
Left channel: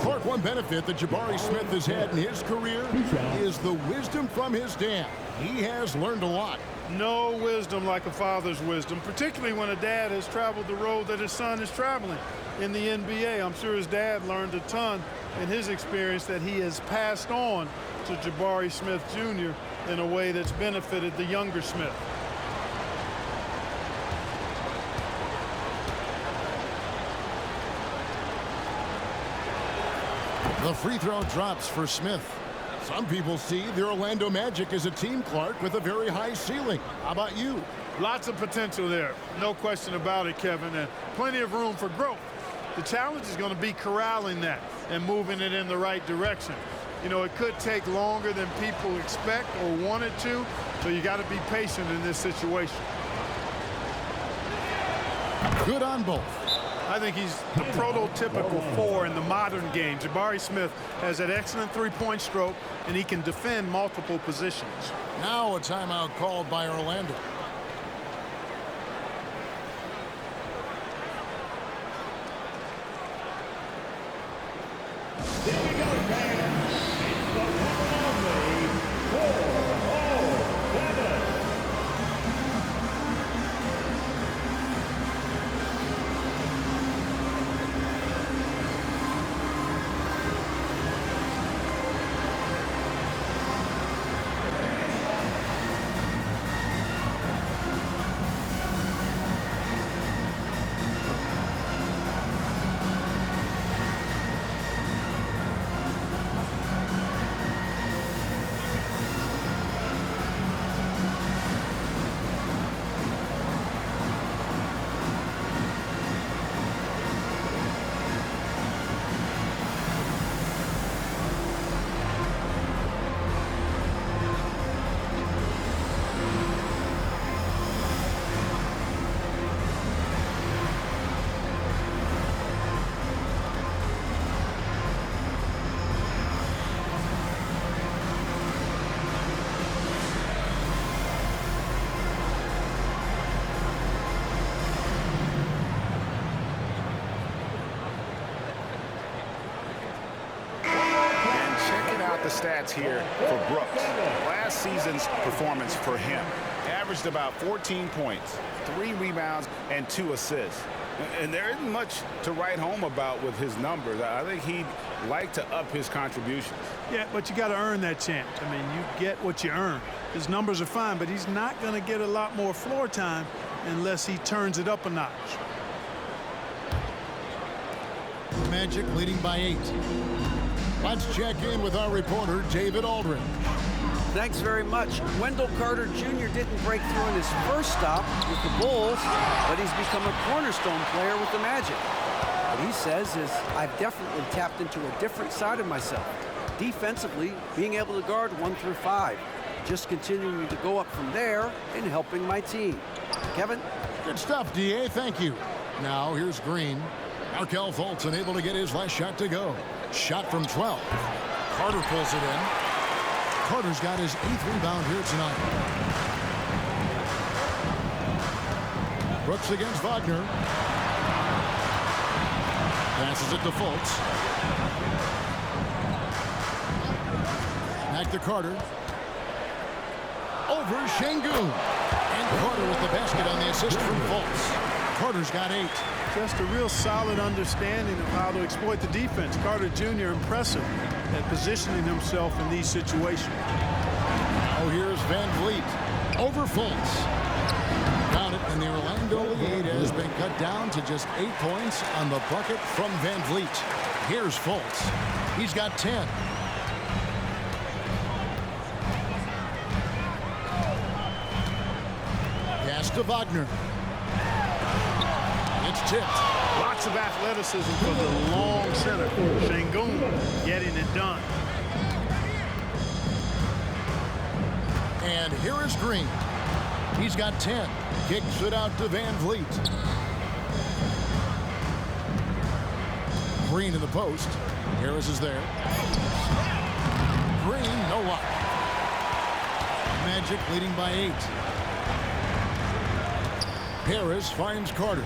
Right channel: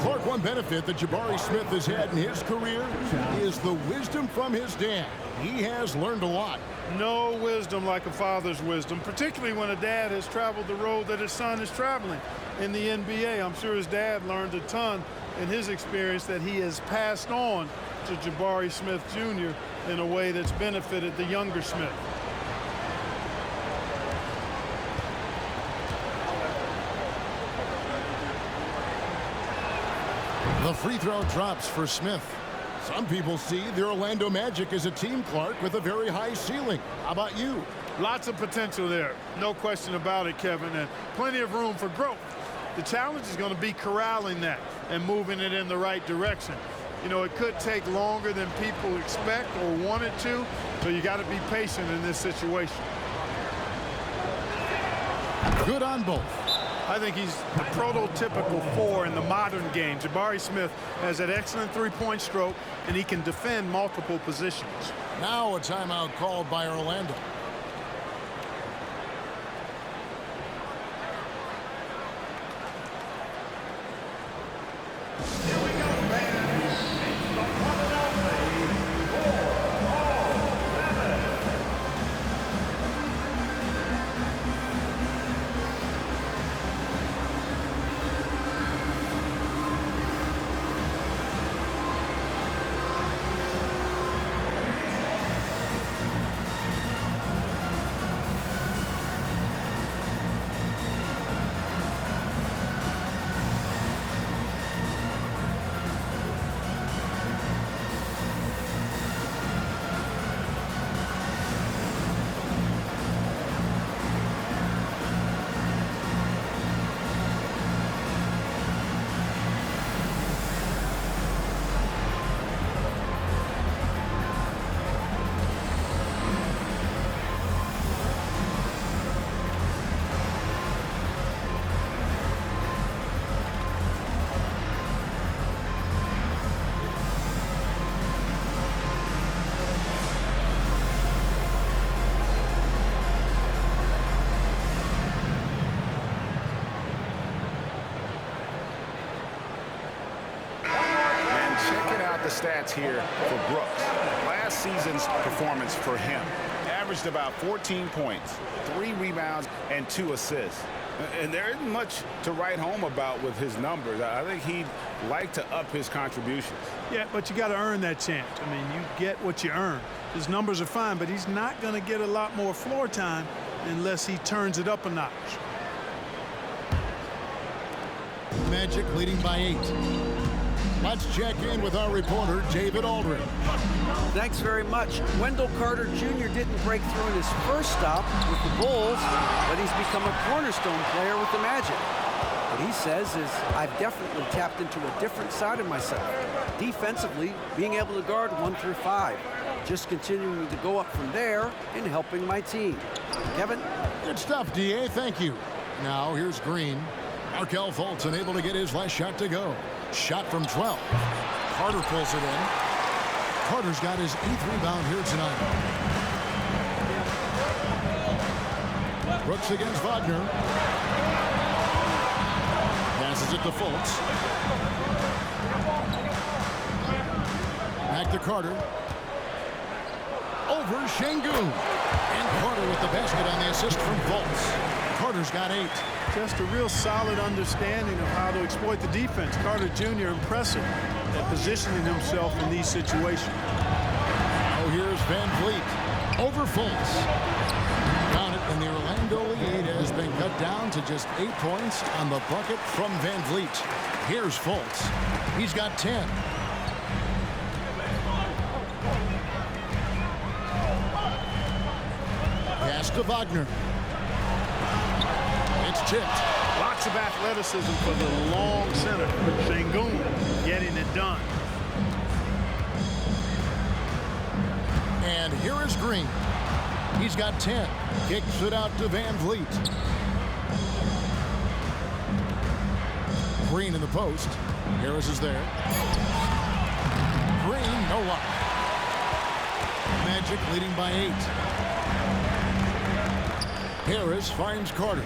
Clark, one benefit that Jabari Smith has had in his career is the wisdom from his dad. He has learned a lot. No wisdom like a father's wisdom, particularly when a dad has traveled the road that his son is traveling in the NBA. I'm sure his dad learned a ton in his experience that he has passed on to Jabari Smith Jr. in a way that's benefited the younger Smith. The free throw drops for Smith. Some people see the Orlando Magic as a team, Clark, with a very high ceiling. How about you? Lots of potential there. No question about it, Kevin, and plenty of room for growth. The challenge is going to be corralling that and moving it in the right direction. You know, it could take longer than people expect or want it to, so you got to be patient in this situation. Good on both. I think he's the prototypical 4 in the modern game. Jabari Smith has that excellent three-point stroke, and he can defend multiple positions. Now a timeout called by Orlando. Here we go, fans. It's the one and only 4-0-7. Checking out the stats here for Brooks. Last season's performance for him averaged about 14 points, 3 rebounds, and 2 assists. And there isn't much to write home about with his numbers. I think he'd like to up his contributions. Yeah, but you got to earn that chance. I mean, you get what you earn. His numbers are fine, but he's not going to get a lot more floor time unless he turns it up a notch. Magic leading by 8. Let's check in with our reporter, David Aldridge. Thanks very much. Wendell Carter Jr. didn't break through in his first stop with the Bulls, but he's become a cornerstone player with the Magic. What he says is, I've definitely tapped into a different side of myself. Defensively, being able to guard 1 through 5. Just continuing to go up from there and helping my team. Kevin? Good stuff, D.A. Thank you. Now here's Green. Markelle Fultz unable to get his last shot to go. Shot from 12. Carter pulls it in. Carter's got his 8th rebound here tonight. Brooks against Wagner. Passes it to Fultz. Back to Carter. Over Şengün. And Carter with the basket on the assist from Fultz. Carter's got 8. Just a real solid understanding of how to exploit the defense. Carter Jr. impressive at positioning himself in these situations. Now here's Van Vliet. Over Fultz. Got it, and the Orlando lead has been cut down to just 8 points on the bucket from Van Vliet. Here's Fultz. He's got 10. Pass to Wagner. It's tipped. Lots of athleticism for the long center. Şengün getting it done. And here is Green. He's got 10. Kicks it out to Van Vliet. Green in the post. Harris is there. Green, no luck. Magic leading by 8. Harris finds Carter.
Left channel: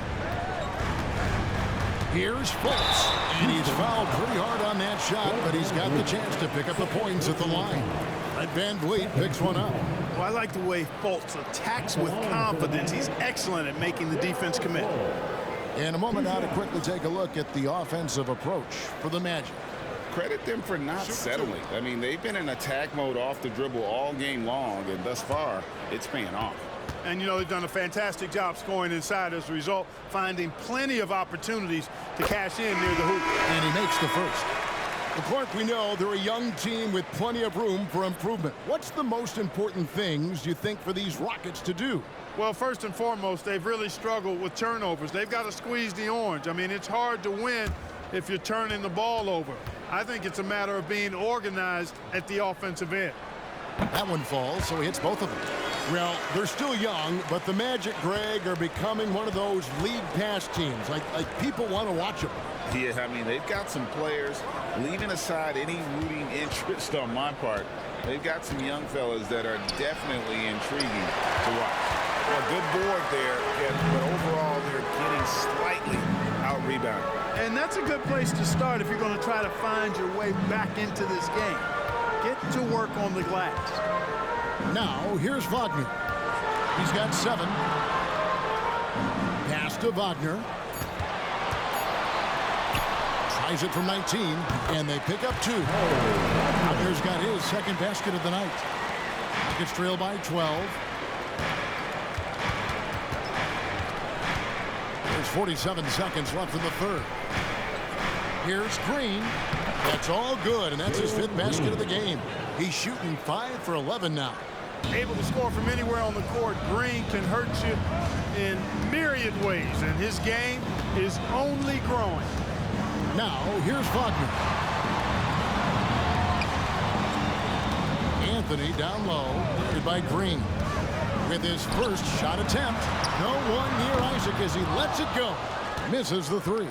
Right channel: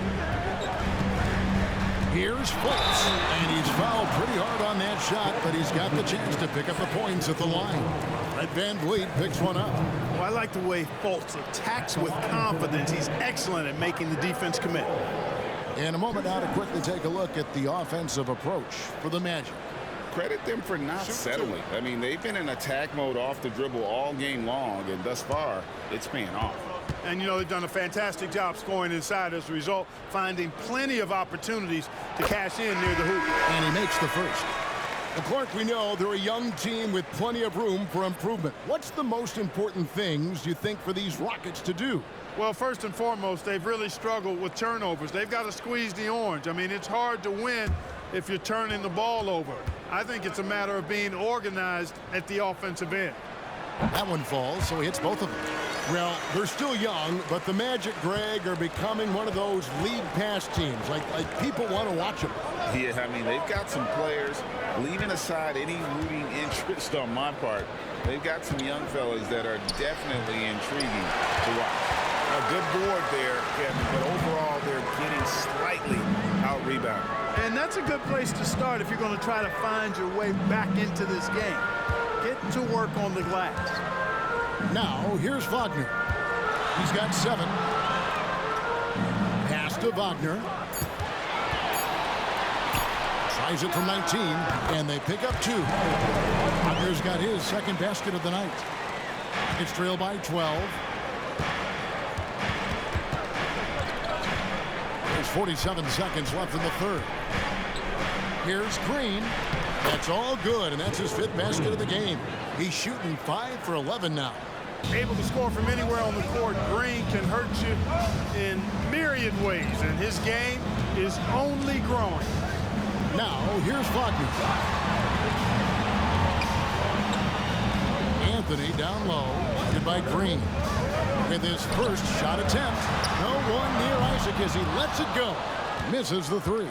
Here's Fultz, and he's fouled pretty hard on that shot, but he's got the chance to pick up the points at the line. Van Vliet picks one up. Well, I like the way Fultz attacks with confidence. He's excellent at making the defense commit. In a moment now to quickly take a look at the offensive approach for the Magic. Credit them for not settling. I mean, they've been in attack mode off the dribble all game long, and thus far, it's paying off. And, you know, they've done a fantastic job scoring inside as a result, finding plenty of opportunities to cash in near the hoop. And he makes the first. Well, Clark, we know they're a young team with plenty of room for improvement. What's the most important things you think for these Rockets to do? Well, first and foremost, they've really struggled with turnovers. They've got to squeeze the orange. I mean, it's hard to win if you're turning the ball over. I think it's a matter of being organized at the offensive end. That one falls, so he hits both of them. Well, they're still young, but the Magic, Greg, are becoming one of those lead pass teams. Like people want to watch them. Yeah, I mean, they've got some players, leaving aside any rooting interest on my part, they've got some young fellas that are definitely intriguing to watch. A good board there, Kevin, but overall they're getting slightly out-rebounded. And that's a good place to start if you're going to try to find your way back into this game. Get to work on the glass. Now, here's Wagner. He's got 7. Pass to Wagner. Tries it from 19, and they pick up 2. Wagner's got his second basket of the night. Rockets trail by 12. There's 47 seconds left in the third. Here's Green. That's all good, and that's his 5th basket of the game. He's shooting 5 for 11 now. Able to score from anywhere on the court. Green can hurt you in myriad ways, and his game is only growing. Now, here's Wagner. Anthony down low, guarded by Green. With his first shot attempt, no one near Isaac as he lets it go. Misses the 3.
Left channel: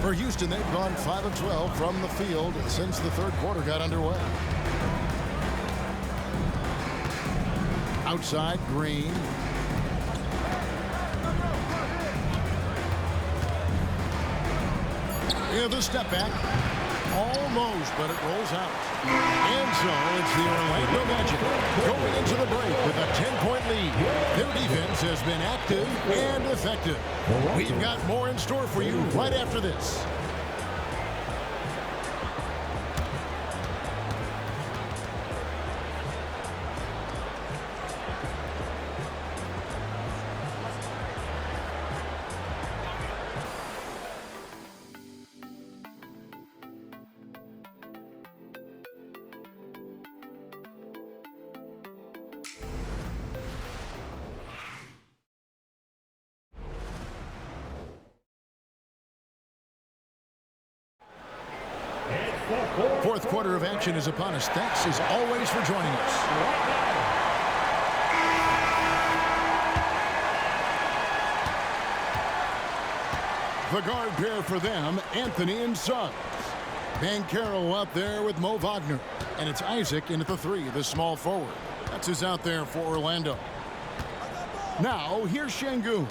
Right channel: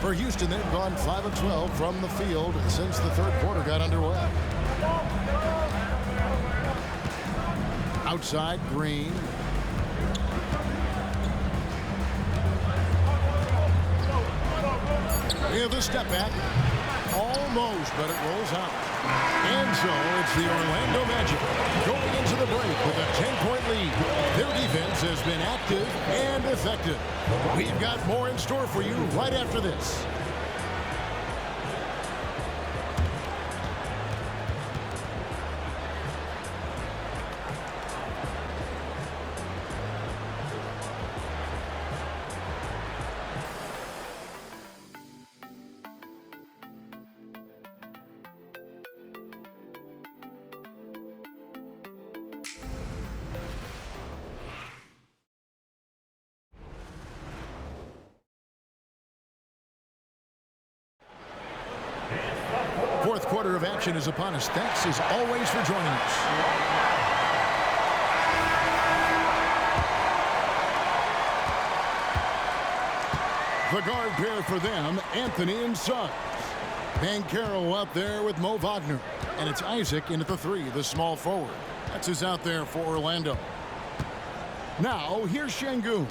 For Houston, they've gone 5 of 12 from the field since the third quarter got underway. Outside, Green. Yeah, the step back. Almost, but it rolls out. And so it's the Orlando Magic going into the break with a 10-point lead. Their defense has been active and effective. We've got more in store for you right after this. Fourth quarter of action is upon us. Thanks as always for joining us. The guard pair for them, Anthony and Suggs. Banchero up there with Mo Wagner. And it's Isaac in at the 3, the small forward. That's who's out there for Orlando. Now, here's Şengün.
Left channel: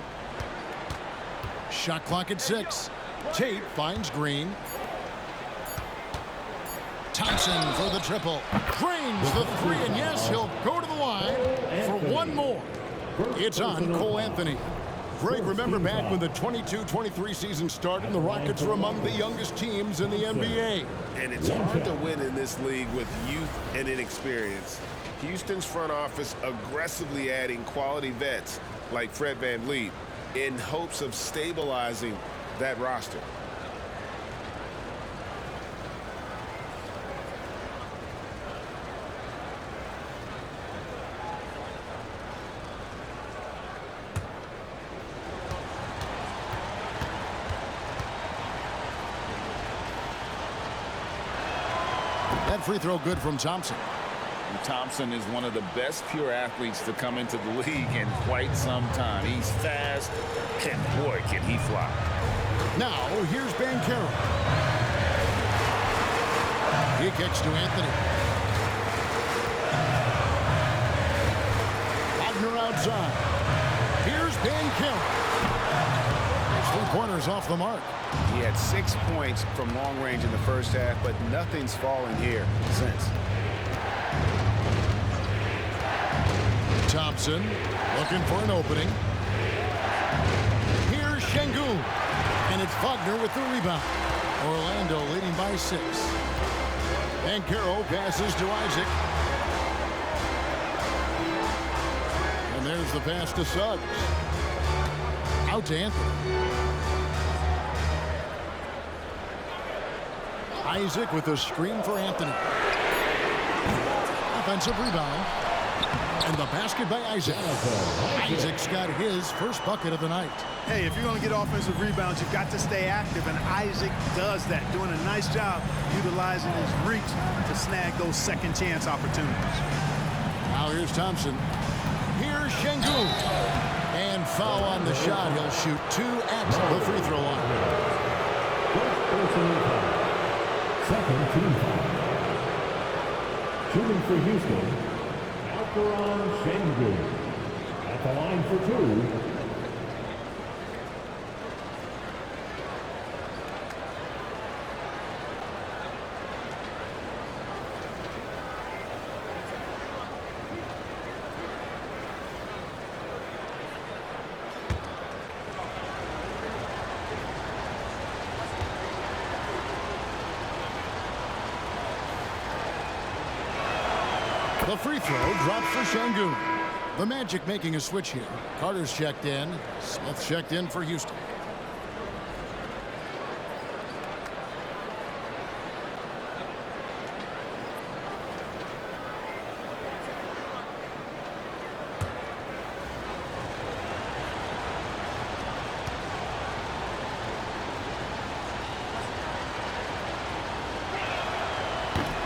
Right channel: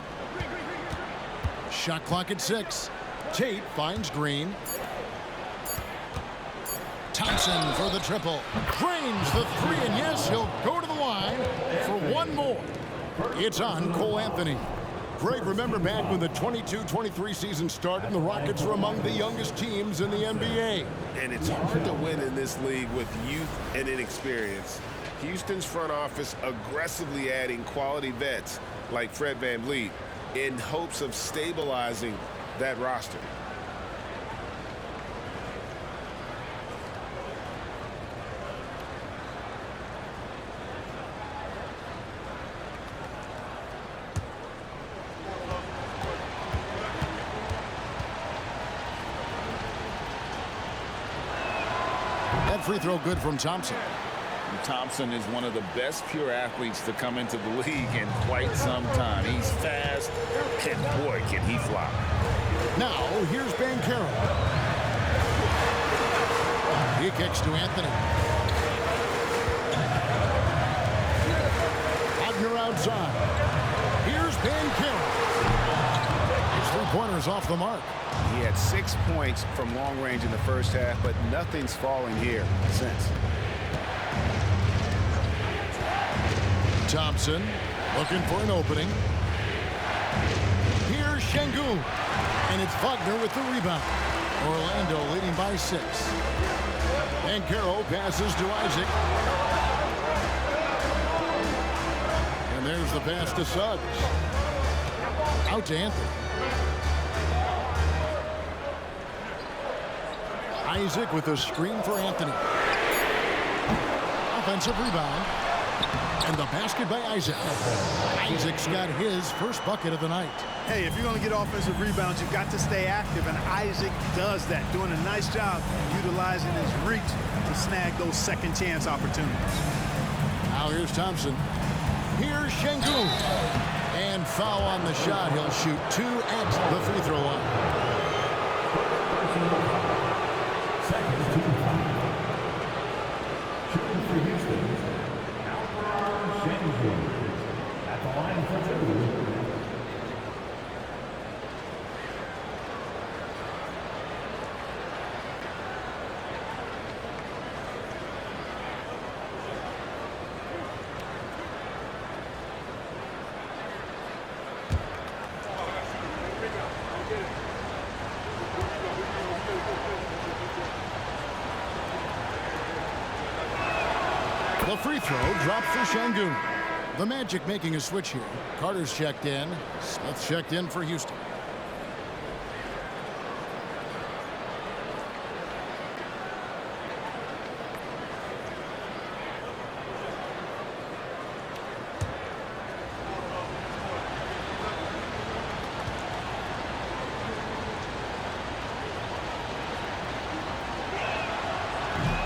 Shot clock at 6. Tate finds Green. Thompson for the triple. Drains the 3, and yes, he'll go to the line for one more. It's on Cole Anthony. Greg, remember back when the 22-23 season started and the Rockets were among the youngest teams in the NBA. And it's hard to win in this league with youth and inexperience. Houston's front office aggressively adding quality vets like Fred VanVleet in hopes of stabilizing that roster. That free throw good from Thompson. Thompson is one of the best pure athletes to come into the league in quite some time. He's fast, and boy, can he fly. Now, here's Banchero. He kicks to Anthony. Wagner outside. Here's Banchero. His three-pointer's off the mark. He had 6 points from long range in the first half, but nothing's fallen here since. Thompson looking for an opening. Here's Şengün. And it's Wagner with the rebound. Orlando leading by 6. Banchero passes to Isaac. And there's the pass to Suggs. Out to Anthony. Isaac with a screen for Anthony. Offensive rebound. And the basket by Isaac. Isaac's got his first bucket of the night. Hey, if you're going to get offensive rebounds, you've got to stay active, and Isaac does that, doing a nice job utilizing his reach to snag those second chance opportunities. Now here's Thompson. Here's Şengün. And foul on the shot. He'll shoot 2 at the free throw line. Second team foul. Shooting for Houston, Alperen Şengün. At the line for 2. The free throw drops for Şengün. The Magic making a switch here. Carter's checked in. Smith checked in for Houston.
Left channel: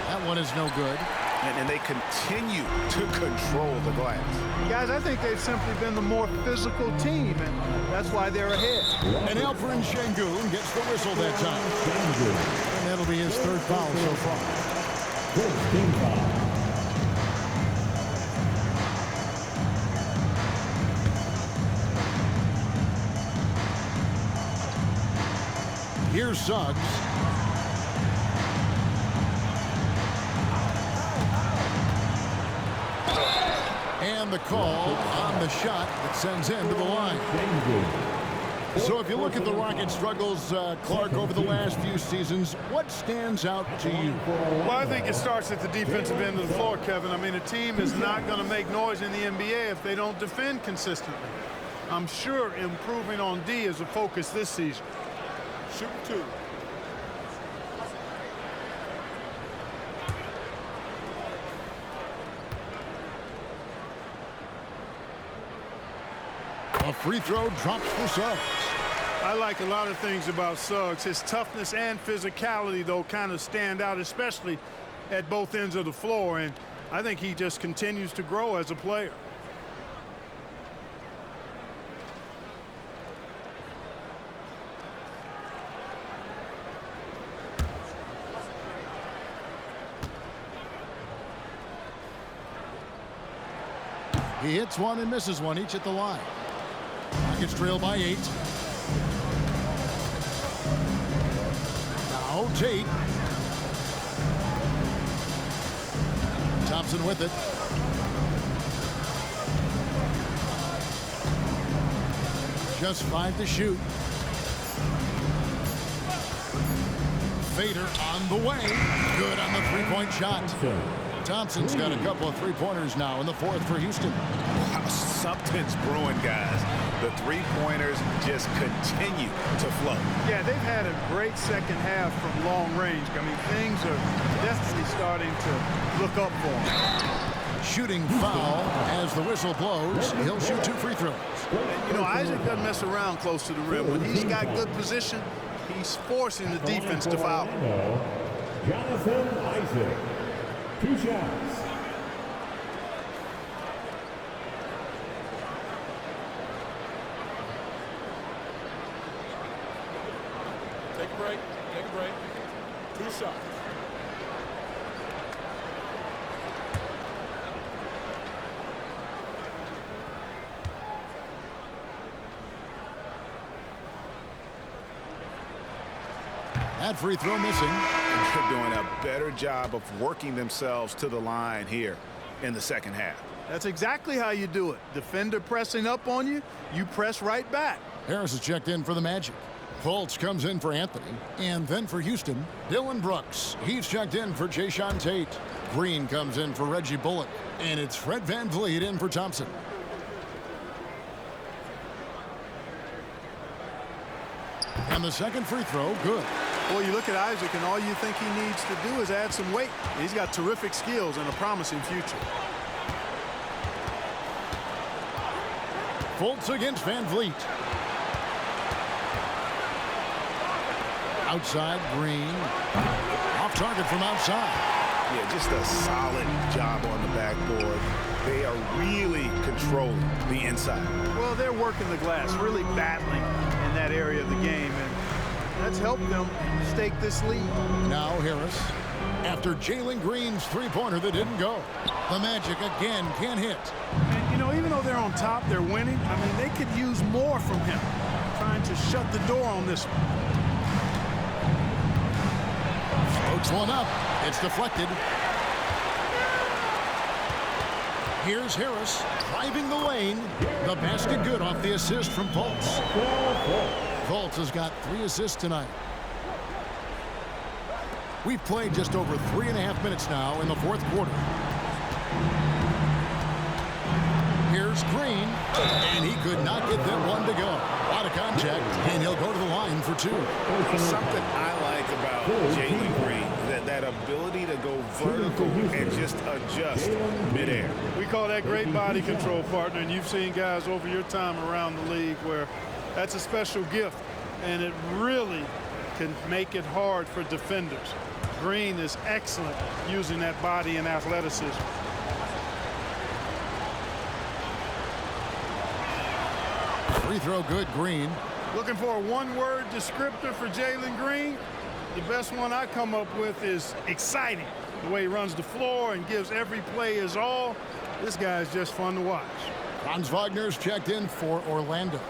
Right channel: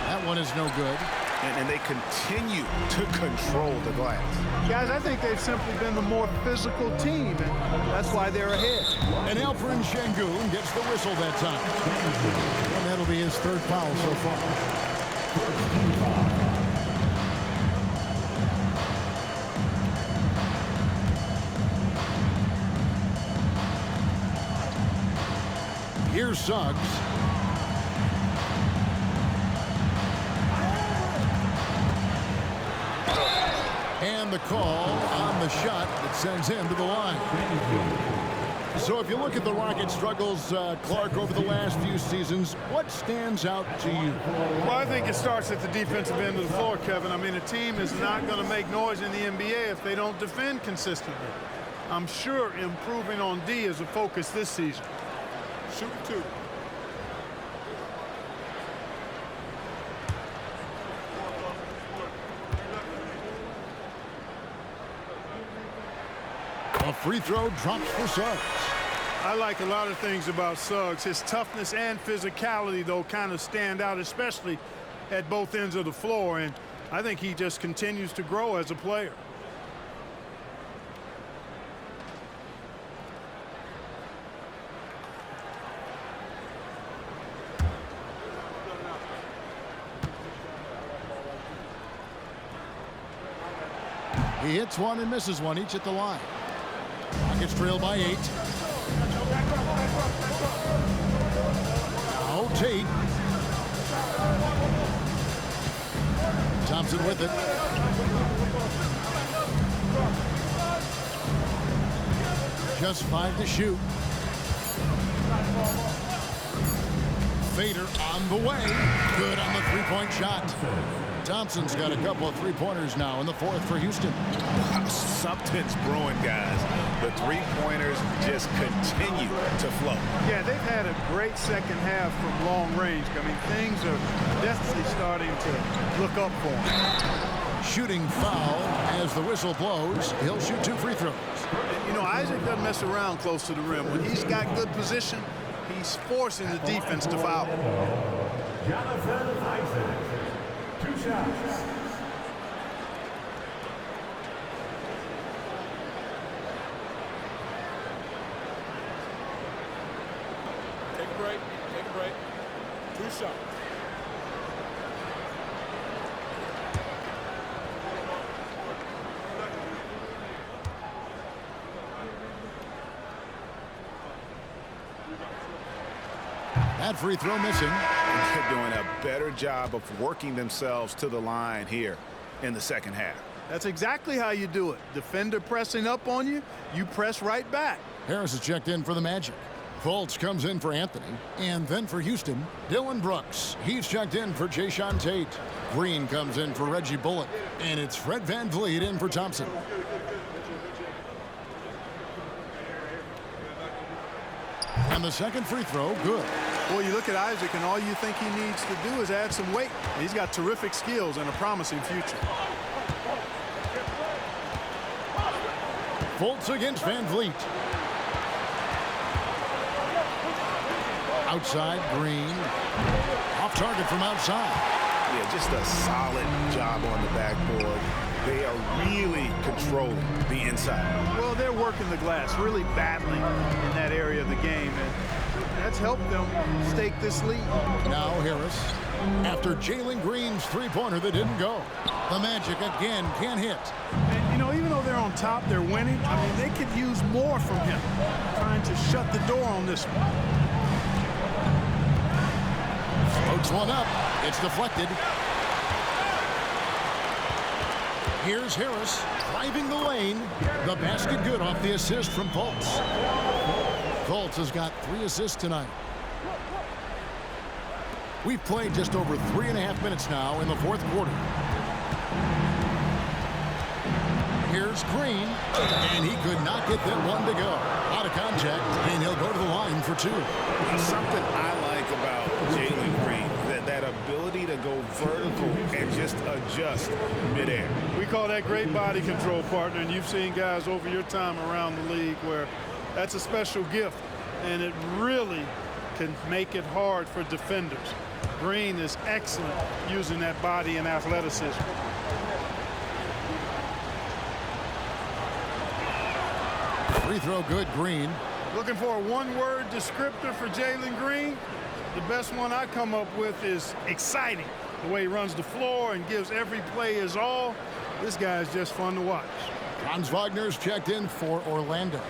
That one is no good. And they continue to control the glass. Guys, I think they've simply been the more physical team, and that's why they're ahead. And Alperen Şengün gets the whistle that time. And that'll be his third foul so far. First team foul. Here's Suggs. And the call on the shot that sends him to the line. So if you look at the Rockets' struggles, Clark, over the last few seasons, what stands out to you? Well, I think it starts at the defensive end of the floor, Kevin. I mean, a team is not going to make noise in the NBA if they don't defend consistently. I'm sure improving on D is a focus this season. Shooting 2. A free throw drops for Suggs. I like a lot of things about Suggs. His toughness and physicality, though, kind of stand out, especially at both ends of the floor. And I think he just continues to grow as a player. He hits one and misses one, each at the line. Rockets trail by 8. Now Tate. Thompson with it. Just 5 to shoot. Fader on the way. Good on the three-point shot. Thompson's got a couple of three-pointers now in the fourth for Houston. Wow, something's brewing, guys. The three-pointers just continue to flow. Yeah, they've had a great second half from long range. I mean, things are definitely starting to look up for him. Shooting foul as the whistle blows. He'll shoot 2 free throws. And, you know, Isaac doesn't mess around close to the rim. When he's got good position, he's forcing the defense to foul him. Jonathan Isaac. 2 shots. Take a break. Take a break. 2 shots. That free throw missing. And they're doing a better job of working themselves to the line here in the second half. That's exactly how you do it. Defender pressing up on you, you press right back. Harris is checked in for the Magic. Fultz comes in for Anthony. And then for Houston, Dylan Brooks. He's checked in for Jae'Sean Tate. Green comes in for Reggie Bullock. And it's Fred VanVleet in for Thompson. And the second free throw, good. Boy, you look at Isaac, and all you think he needs to do is add some weight. He's got terrific skills and a promising future. Fultz against VanVleet. Outside, Green. Off target from outside. Yeah, just a solid job on the backboard. They are really controlling the inside. Well, they're working the glass, really battling in that area of the game, and that's helped them stake this lead. Now Harris, after Jalen Green's three-pointer that didn't go. The Magic again can't hit. And, you know, even though they're on top, they're winning. I mean, they could use more from him, trying to shut the door on this one. Floats one up. It's deflected. Here's Harris driving the lane. The basket good off the assist from Fultz. Fultz has got 3 assists tonight. We've played just over 3.5 minutes now in the fourth quarter. Here's Green, and he could not get that one to go. Out of contact, and he'll go to the line for 2. Something I like about Jalen Green, that ability to go vertical and just adjust midair. We call that great body control, partner, and you've seen guys over your time around the league where that's a special gift, and it really can make it hard for defenders. Green is excellent using that body and athleticism. Free throw good, Green. Looking for a one-word descriptor for Jalen Green? The best one I come up with is exciting. The way he runs the floor and gives every play his all. This guy is just fun to watch. Franz Wagner's checked in for Orlando.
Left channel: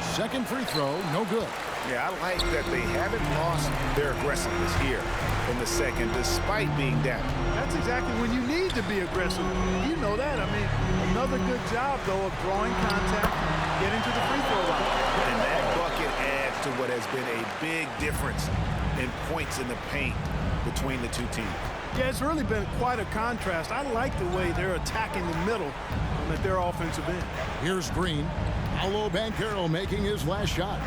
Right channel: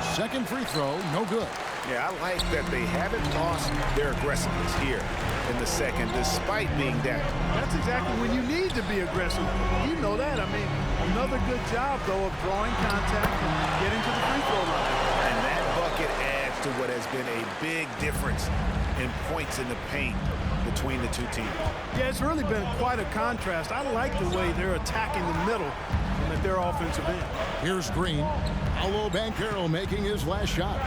Second free throw, no good. Yeah, I like that they haven't lost their aggressiveness here in the second, despite being down. That's exactly when you need to be aggressive. You know that. I mean, another good job, though, of drawing contact and getting to the free throw line. And that bucket adds to what has been a big difference in points in the paint between the two teams. Yeah, it's really been quite a contrast. I like the way they're attacking the middle at their offensive end. Here's Green. Paolo Banchero making his last shot.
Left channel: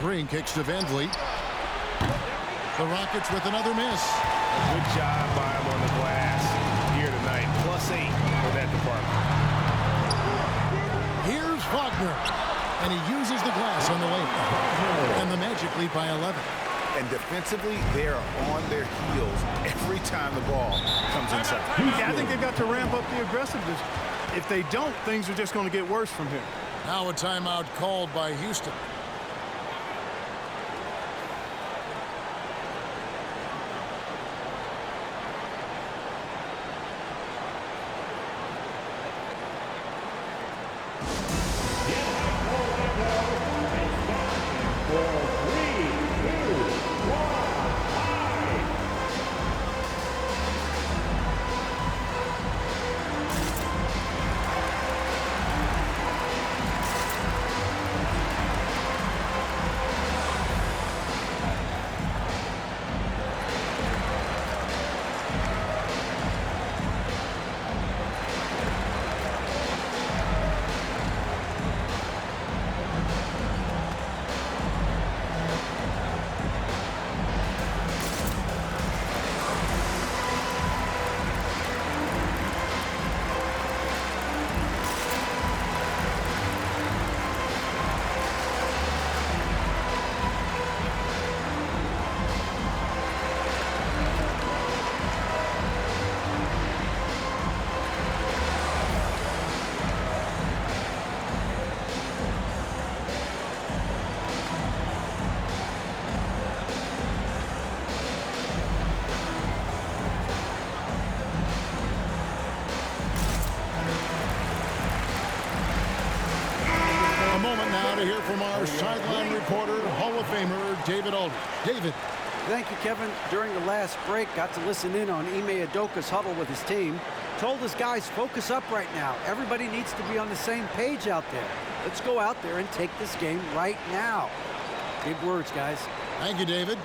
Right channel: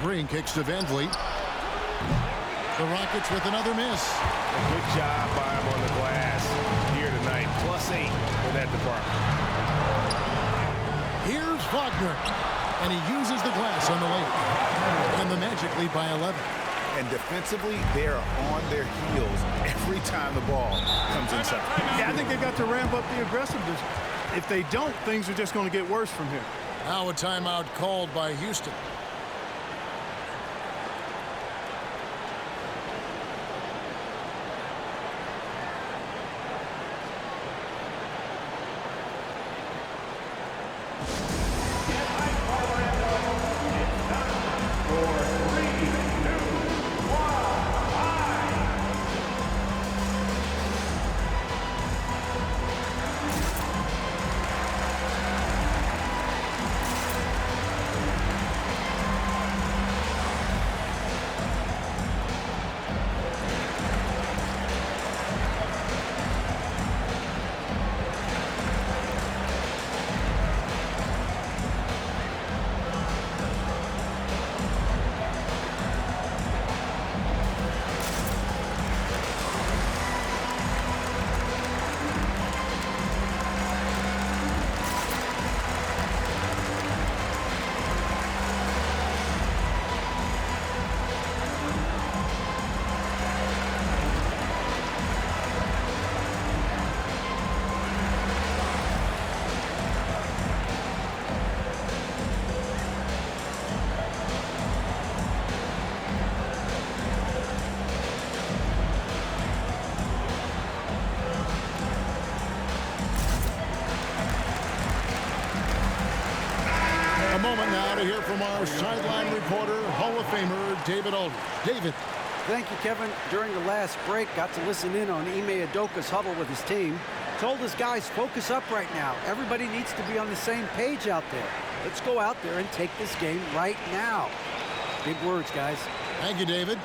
Green kicks to VanVleet. The Rockets with another miss. A good job by him on the glass here tonight. +8 for that department. Here's Wagner. And he uses the glass on the layup. And the Magic lead by 11. And defensively, they are on their heels every time the ball comes inside. Yeah, I think they've got to ramp up the aggressiveness. If they don't, things are just going to get worse from here. Now a timeout called by Houston. A moment now to hear from our sideline reporter, Hall of Famer David Aldridge. David. Thank you, Kevin. During the last break, got to listen in on Ime Udoka's huddle with his team. Told his guys, focus up right now. Everybody needs to be on the same page out there. Let's go out there and take this game right now. Big words, guys. Thank you, David.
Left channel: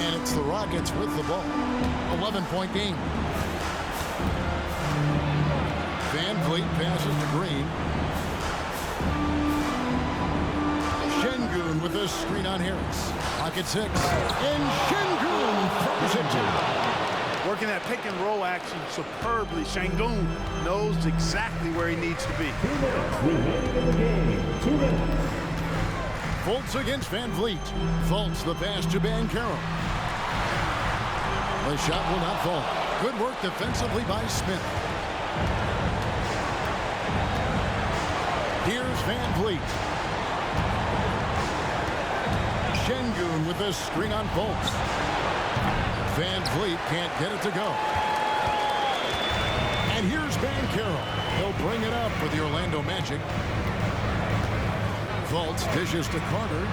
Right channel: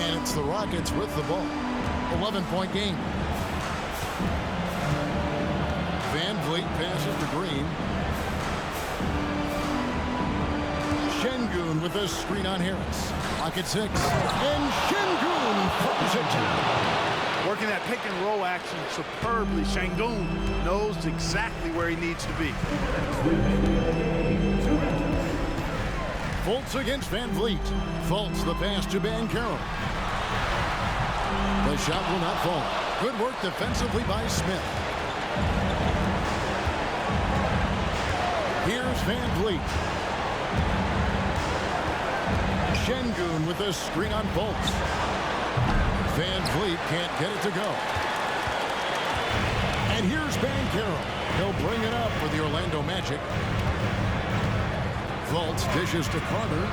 And it's the Rockets with the ball. 11-point game. Van Vliet passes to Green. Şengün with a screen on Harris. Pocket 6. And Şengün throws it down. Working that pick and roll action superbly. Şengün knows exactly where he needs to be. Fultz against Van Vliet. Fultz the pass to Banchero. The shot will not fall. Good work defensively by Smith. Here's Van Vliet. Şengün with a screen on Fultz. Van Vliet can't get it to go. And here's Banchero. He'll bring it up for the Orlando Magic. Fultz dishes to Carter.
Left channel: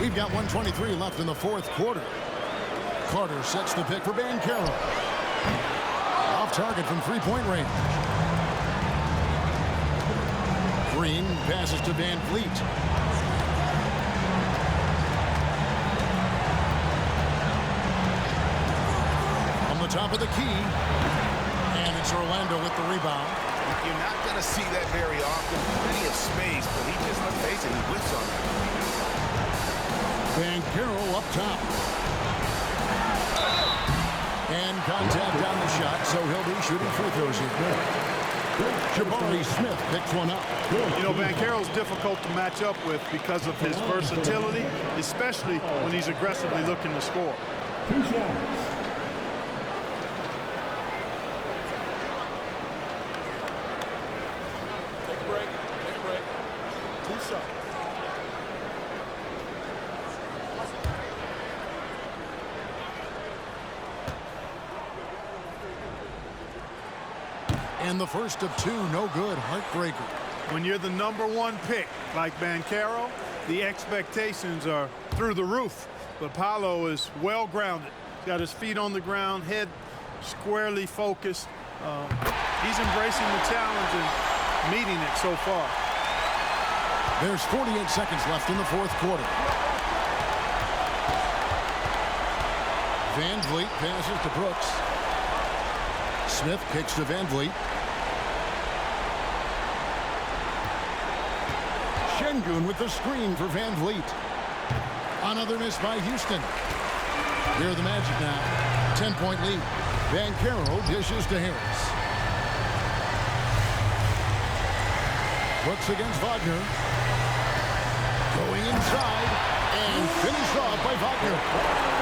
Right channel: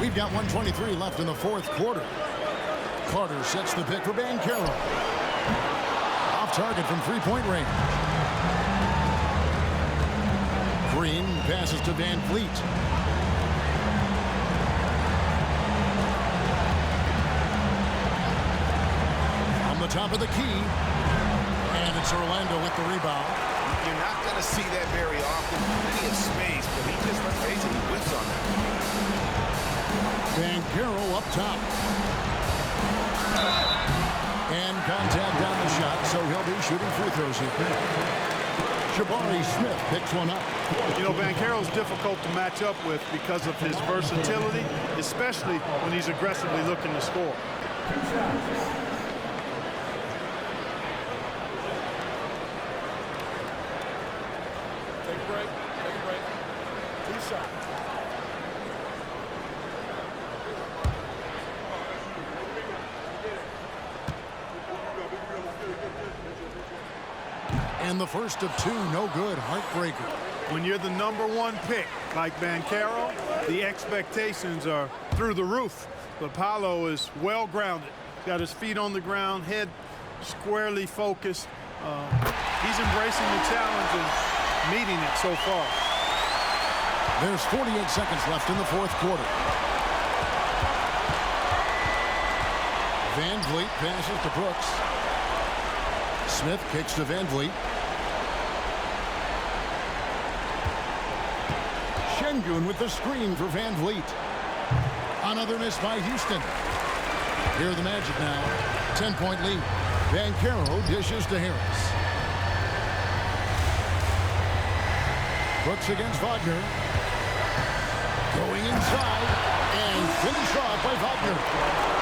We've got 1:23 left in the fourth quarter. Carter sets the pick for Banchero. Off target from three-point range. Green passes to Van Vliet. On the top of the key. And it's Orlando with the rebound. You're not going to see that very often. Plenty of space, but he just, let's face it, he whiffs on that. Banchero up top. And contact on the shot, so he'll be shooting free throws here. Jabari Smith picks one up. You know, Banchero's difficult to match up with because of his versatility, especially when he's aggressively looking to score. Two shots. Take a break. Take a break. Two shots. And the first of two, no good, heartbreaker. When you're the #1 pick, like Banchero, the expectations are through the roof. But Paolo is well grounded. He's got his feet on the ground, head squarely focused. He's embracing the challenge and meeting it so far. There's 48 seconds left in the fourth quarter. Van Vliet passes to Brooks. Smith kicks to Van Vliet. Şengün with the screen for Van Vliet. Another miss by Houston. Here are the Magic now. 10-point lead. Banchero dishes to Harris. Brooks against Wagner. Going inside and finished off by Wagner.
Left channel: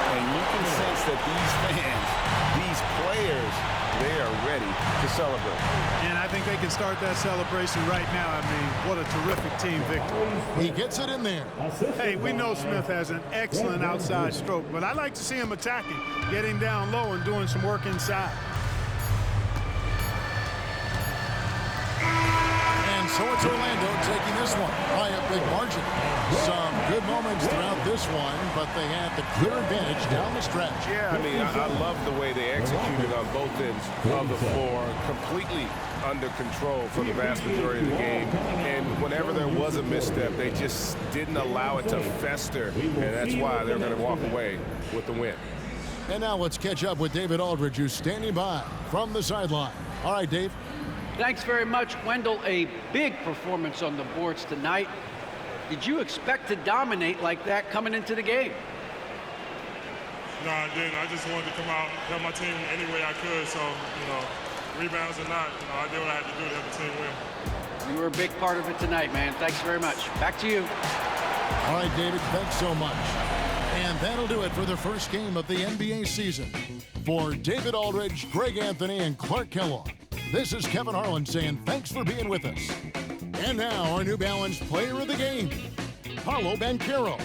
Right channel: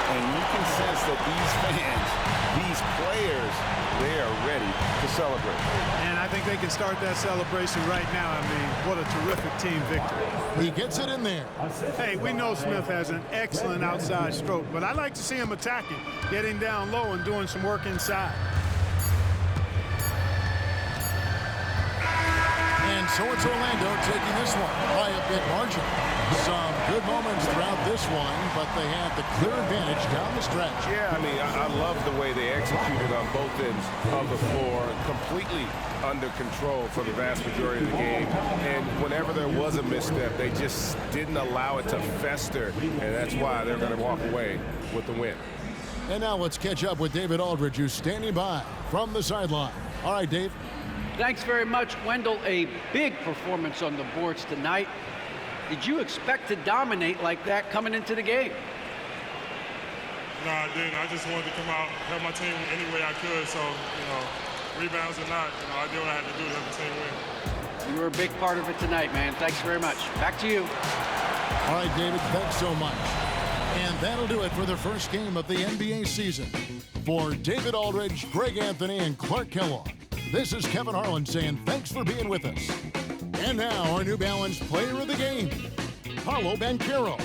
And you can sense that these fans, these players, they are ready to celebrate. And I think they can start that celebration right now. I mean, what a terrific team victory. He gets it in there. Hey, we know Smith has an excellent outside stroke, but I like to see him attacking, getting down low and doing some work inside. And so it's Orlando taking this one by a big margin. Some good moments throughout this one, but they had the clear advantage down the stretch. Yeah, I mean, I love the way they executed on both ends of the floor, completely under control for the vast majority of the game. And whenever there was a misstep, they just didn't allow it to fester, and that's why they're going to walk away with the win. And now let's catch up with David Aldridge, who's standing by from the sideline. All right, Dave. Thanks very much, Wendell. A big performance on the boards tonight. Did you expect to dominate like that coming into the game? No, I didn't. I just wanted to come out, help my team any way I could. So, rebounds or not, I did what I had to do to help the team win. You were a big part of it tonight, man. Thanks very much. Back to you. All right, David, thanks so much. And that'll do it for the first game of the NBA season. For David Aldridge, Greg Anthony, and Clark Kellogg, this is Kevin Harlan saying thanks for being with us. And now our New Balance player of the game, Paolo Banchero.